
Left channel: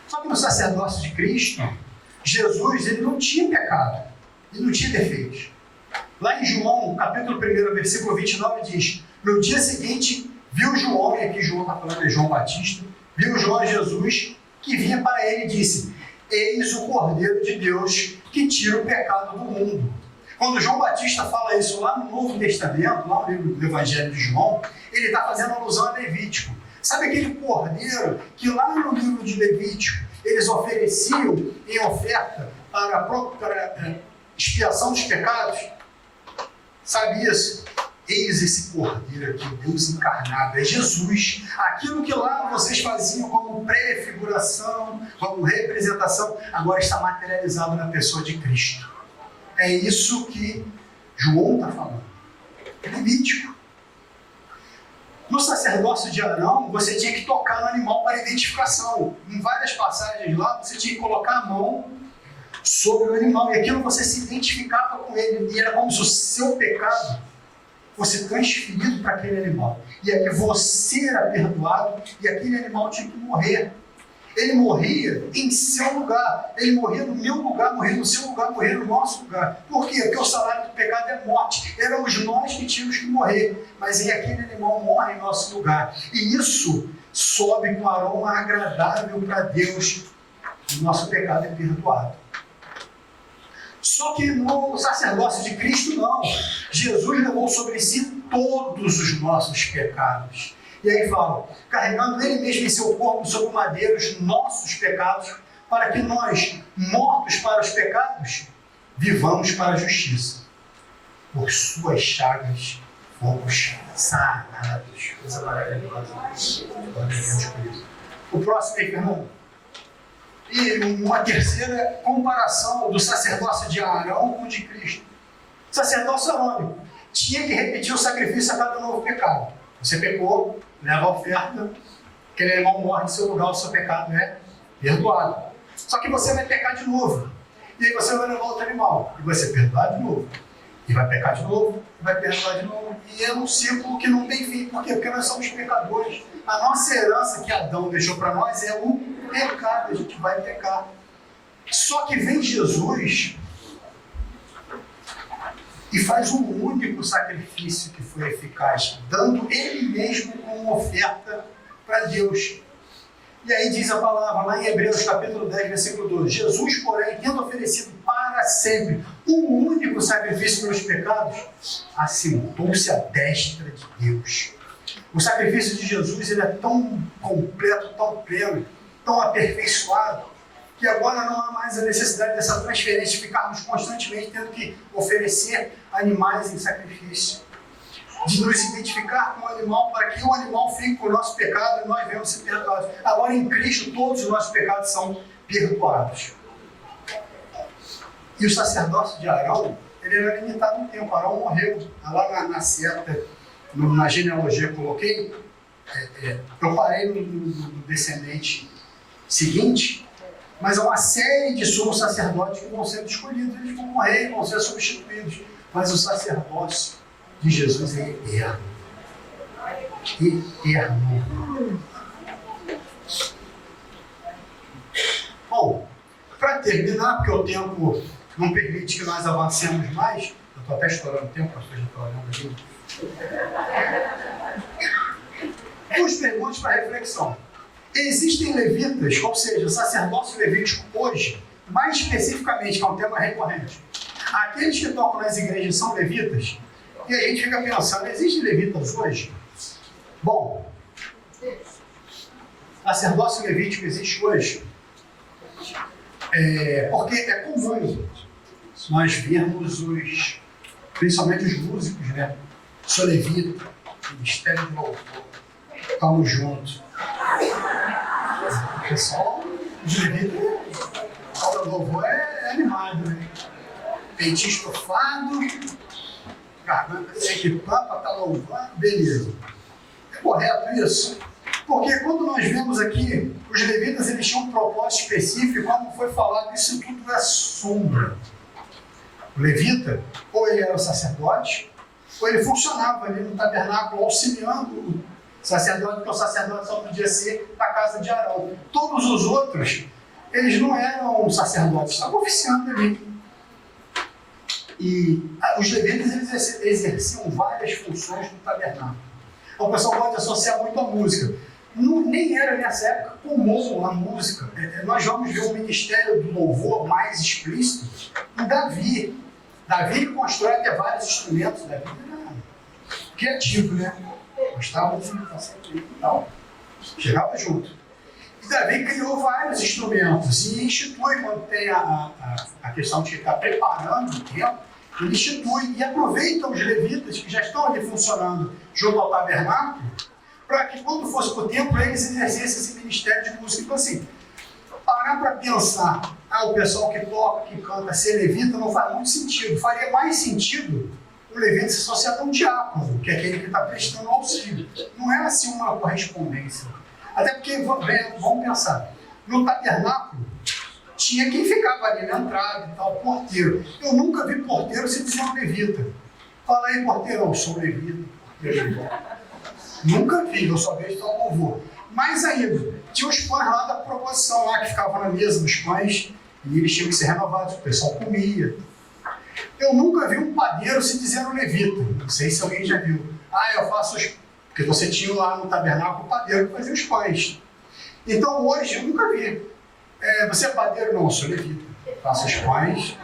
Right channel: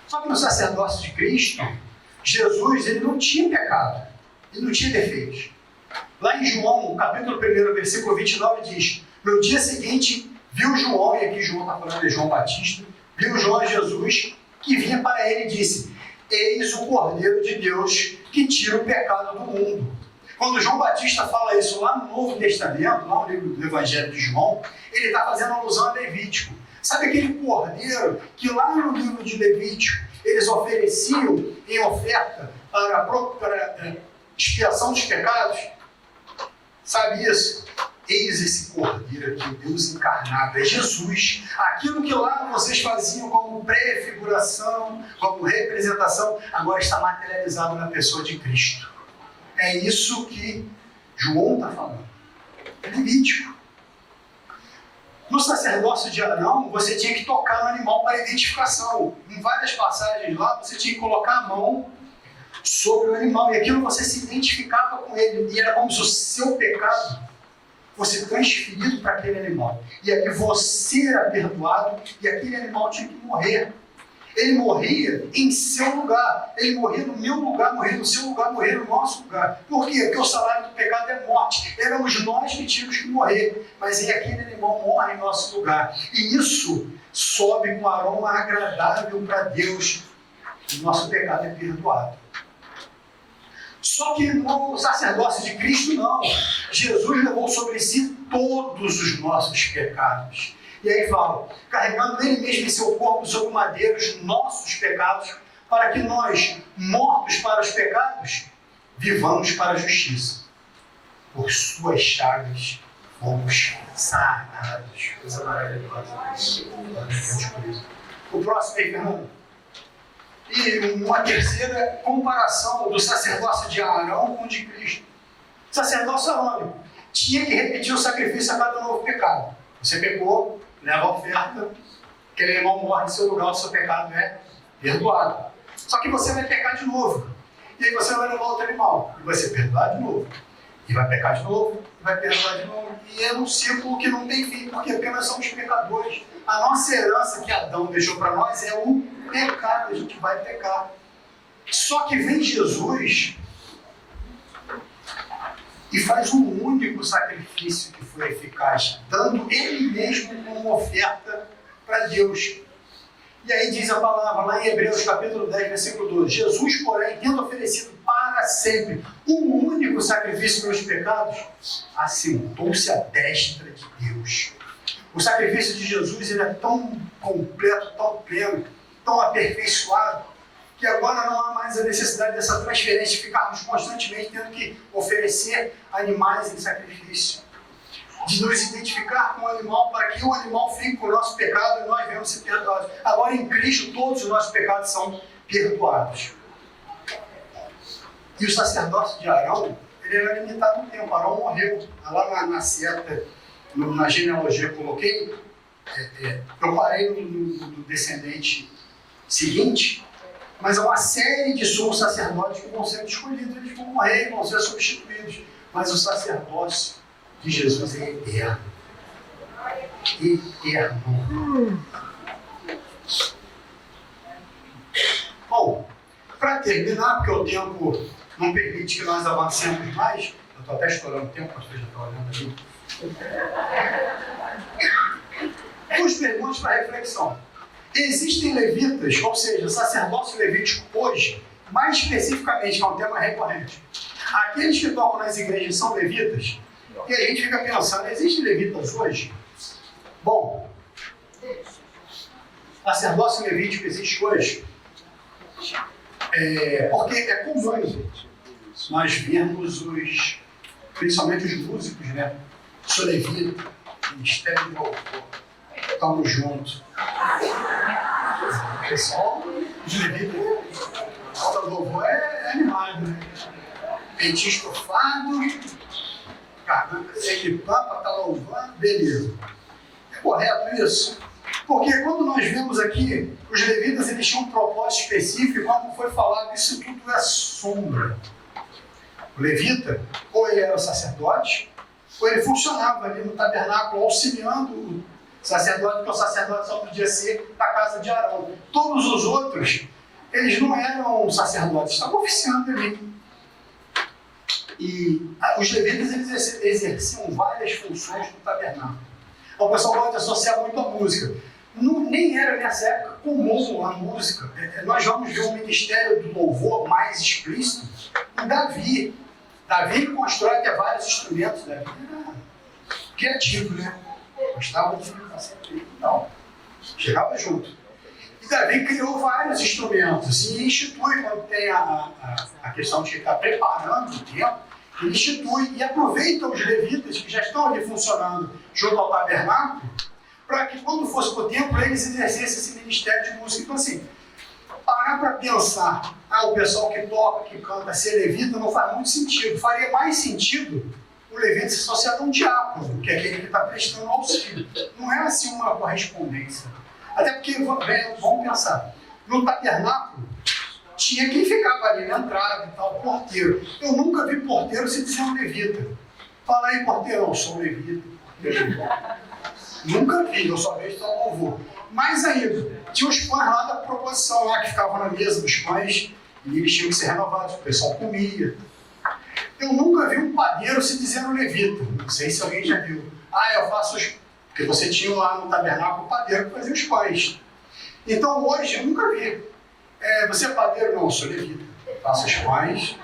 Só que no sacerdócio de Cristo, Jesus, ele não tinha pecado, ele não tinha defeitos. Lá em João, capítulo 1, versículo 29, diz: no dia seguinte, viu João, e aqui João está falando de João Batista, viu João Jesus, que vinha para ele e disse: eis o Cordeiro de Deus que tira o pecado do mundo. Quando João Batista fala isso lá no Novo Testamento, lá no livro do Evangelho de João, ele está fazendo alusão a Levítico. Sabe aquele cordeiro que lá no livro de Levítico eles ofereciam em oferta para expiação dos pecados? Sabe isso? Eis esse cordeiro aqui, Deus encarnado, é Jesus. Aquilo que lá vocês faziam como prefiguração, como representação, agora está materializado na pessoa de Cristo. É isso que João está falando. É Levítico. No sacerdócio de Arão, você tinha que tocar no animal para identificação. Em várias passagens lá, você tinha que colocar a mão sobre o animal. E aquilo você se identificava com ele. E era como se o seu pecado fosse transferido para aquele animal. E aqui você era perdoado e aquele animal tinha que morrer. Ele morria em seu lugar. Ele morria no meu lugar, morria no seu lugar, morria no nosso lugar. Por quê? Porque o salário do pecado é morte. Éramos nós que tínhamos que morrer. Mas aquele animal morre em nosso lugar. E isso sobe com aroma agradável para Deus. O nosso pecado é perdoado. Só que no sacerdócio de Cristo, não. Jesus levou sobre si todos os nossos pecados. E aí fala, carregando Ele mesmo em seu corpo sobre o madeiro os nossos pecados, para que nós, mortos para os pecados, vivamos para a justiça. Por suas chagas fomos sarados. Coisa maravilhosa. Glória a Deus por isso. O próximo aí, Fernando. E uma terceira comparação do sacerdócio de Arão com o de Cristo. O sacerdócio arônico tinha que repetir o sacrifício a cada novo pecado. Você pecou, leva a oferta, aquele animal morre em seu lugar, o seu pecado é perdoado. Só que você vai pecar de novo. E aí você vai levar outro animal, e vai ser perdoado de novo. E vai pecar de novo, e vai perdoar de novo. E é um ciclo que não tem fim. Por quê? Porque nós somos pecadores. A nossa herança que Adão deixou para nós é o pecado, a gente vai pecar. Só que vem Jesus e faz um único sacrifício que foi eficaz, dando Ele mesmo como oferta para Deus. E aí diz a palavra lá em Hebreus capítulo 10, versículo 12: Jesus, porém, tendo oferecido para sempre um único sacrifício pelos pecados, assentou-se à destra de Deus. O sacrifício de Jesus ele é tão completo, tão pleno, tão aperfeiçoado, que agora não há mais a necessidade dessa transferência, de ficarmos constantemente tendo que oferecer animais em sacrifício, de nos identificar com o animal para que o animal fique com o nosso pecado e nós venhamos ser perdoados. Agora em Cristo todos os nossos pecados são perdoados. E o sacerdócio de Arão, ele era limitado no tempo. Arão morreu lá na seta, na genealogia que eu coloquei, eu parei no descendente seguinte, mas há uma série de sumos sacerdotes que vão ser escolhidos, eles vão morrer, vão ser substituídos. Mas o sacerdócio de Jesus é eterno. Eterno. Bom, para terminar, porque o tempo não permite que nós avancemos mais, eu estou até estourando o tempo, a já está olhando ali. Duas perguntas para reflexão. Existem levitas, ou seja, sacerdócio levítico hoje, mais especificamente, que é um tema recorrente. Aqueles que tocam nas igrejas são levitas, e a gente fica pensando, existem levitas hoje? Bom, sacerdócio levítico existe hoje, porque é comum nós vermos principalmente os músicos, né? Sou levita, ministério de louvor, estamos juntos. O pessoal de levita, o louvor é animado, né? Peitinho estofado, garganta sem que pampa, tá louvando, beleza. É correto isso? Porque quando nós vemos aqui, os levitas eles tinham um propósito específico, como foi falado, isso tudo é sombra. O levita, ou ele era o sacerdote, ou ele funcionava ali no tabernáculo, auxiliando o sacerdote, porque o sacerdote só podia ser da casa de Arão. Todos os outros, eles não eram sacerdotes, estavam oficiando ali. E os levitas eles exerciam várias funções no tabernáculo. O pessoal pode associar muito a música. Nem era nessa época comum a música. Nós vamos ver o ministério do louvor mais explícito em Davi. Davi constrói até vários instrumentos. Davi era criativo, né? Gostava de fazer e tal. Chegava junto. E Davi criou vários instrumentos e institui, quando tem a questão de estar preparando o templo, ele institui e aproveita os levitas que já estão ali funcionando junto ao tabernáculo, para que quando fosse para o templo, eles exercessem esse ministério de música. Então assim, parar para pensar, o pessoal que toca, que canta, ser levita, não faz muito sentido. Faria mais sentido o levita se associar a um diácono, que é aquele que está prestando auxílio. Não é assim uma correspondência. Até porque, vamos pensar, no tabernáculo, tinha quem ficava ali na entrada e tal, porteiro. Eu nunca vi porteiro se dizer um levita. Fala aí, porteiro, eu sou levita. Nunca vi, eu só vejo tal louvor. Mais ainda, tinha os pães lá da proposição, lá que ficavam na mesa dos pães, e eles tinham que ser renovados, o pessoal comia. Eu nunca vi um padeiro se dizer um levita. Não sei se alguém já viu. Eu faço os... Porque você tinha lá no tabernáculo o padeiro que fazia os pães. Então hoje eu nunca vi. Você é padeiro? Não, eu sou levita. Faço os pães.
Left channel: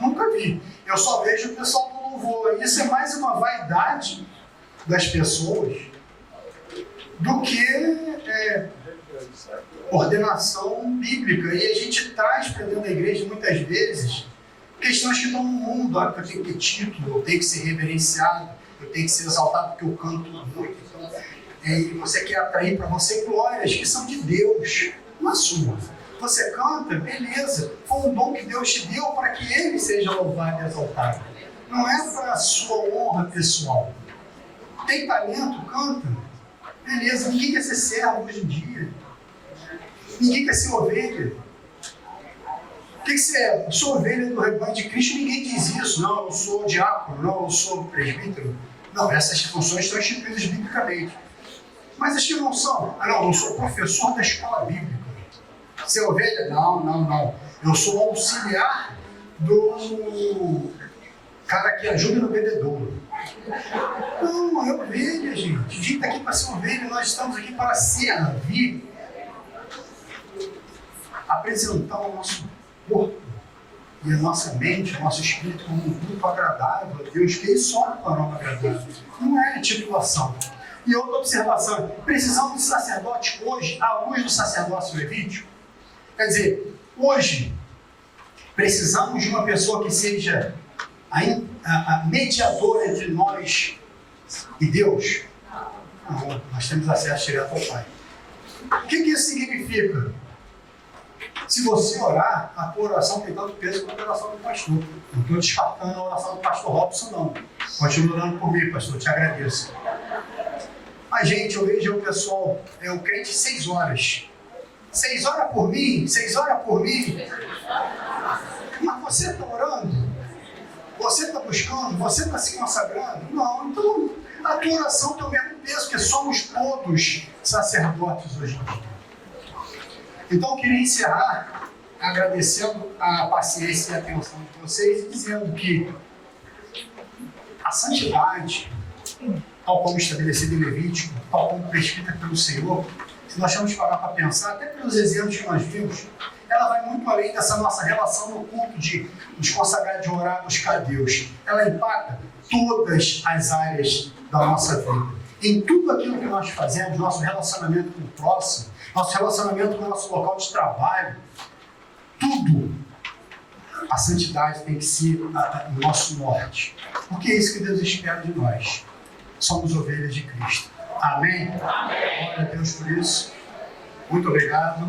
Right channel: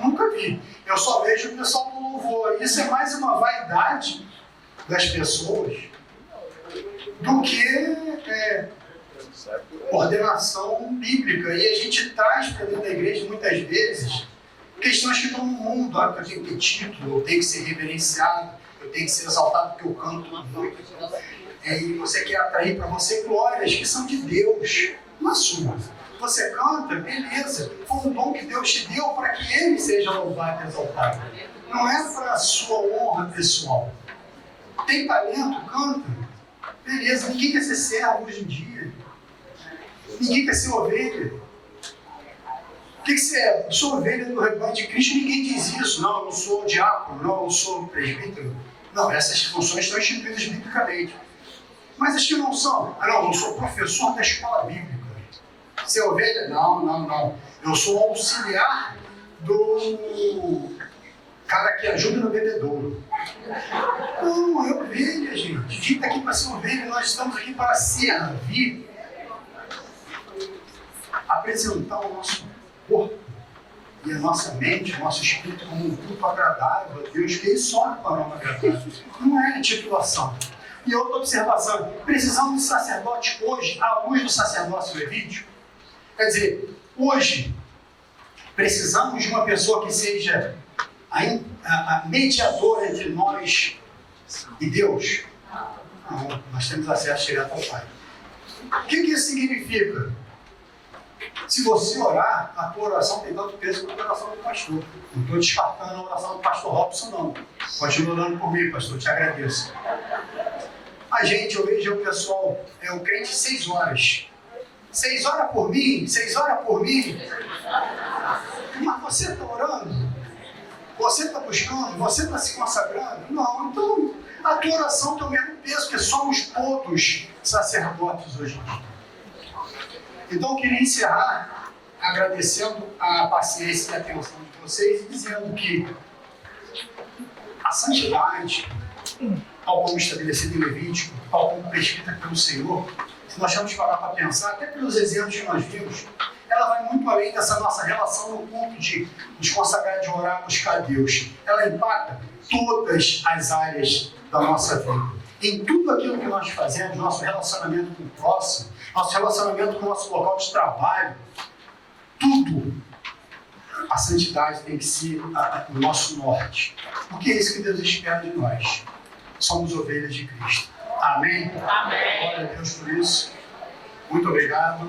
Nunca vi. Eu só vejo o pessoal do louvor. Isso é mais uma vaidade das pessoas do que ordenação bíblica. E a gente traz para dentro da igreja, muitas vezes, questões que estão no mundo. Eu tenho que ter título, eu tenho que ser reverenciado, eu tenho que ser exaltado porque eu canto muito. E você quer atrair para você glórias que são de Deus, não a sua. Você canta, beleza, foi um dom que Deus te deu para que Ele seja louvado e exaltado. Não é para a sua honra pessoal. Tem talento, canta. Beleza, ninguém quer ser servo hoje em dia. Ninguém quer ser ovelha. O que você é? Eu sou ovelha do rebanho de Cristo, ninguém diz isso. Não, eu não sou diácono, não, eu sou presbítero. Não, essas funções estão instituídas biblicamente. Mas as que não são? Não, eu sou professor da escola bíblica. Você é ovelha? Não. Eu sou auxiliar do cara que ajuda no bebedouro. Não, é ovelha, gente. A gente está aqui para ser ovelha, nós estamos aqui para servir, apresentar o nosso corpo e a nossa mente, o nosso espírito como um culto agradável a Deus, que Ele só para nós agradável. Não é titulação. E outra observação, precisamos de sacerdote hoje, à luz do sacerdócio levítico. Quer dizer, hoje, precisamos de uma pessoa que seja a mediadora entre nós e Deus. Não, nós temos acesso direto ao Pai. O que isso significa? Se você orar, a tua oração tem tanto peso quanto a oração do pastor. Não estou descartando a oração do pastor Robson, não. Continua orando por mim, pastor, te agradeço. A gente, eu vejo o pessoal, o crente 6 horas. 6 horas por mim, 6 horas por mim. Mas você está orando? Você está buscando? Você está se consagrando? Não, então a tua oração tem o mesmo peso, porque somos todos sacerdotes hoje em dia. Então eu queria encerrar agradecendo a paciência e a atenção de vocês e dizendo que a santidade, tal como estabelecida em Levítico, tal como prescrita pelo Senhor, se nós formos parar para pensar, até pelos exemplos que nós vimos, ela vai muito além dessa nossa relação no culto de nos consagrar, de orar, buscar Deus. Ela impacta todas as áreas da nossa vida. Em tudo aquilo que nós fazemos, nosso relacionamento com o próximo, nosso relacionamento com o nosso local de trabalho, tudo, a santidade tem que ser o nosso norte. Porque é isso que Deus espera de nós. Somos ovelhas de Cristo. Amém? Amém. Glória a Deus por isso. Muito obrigado.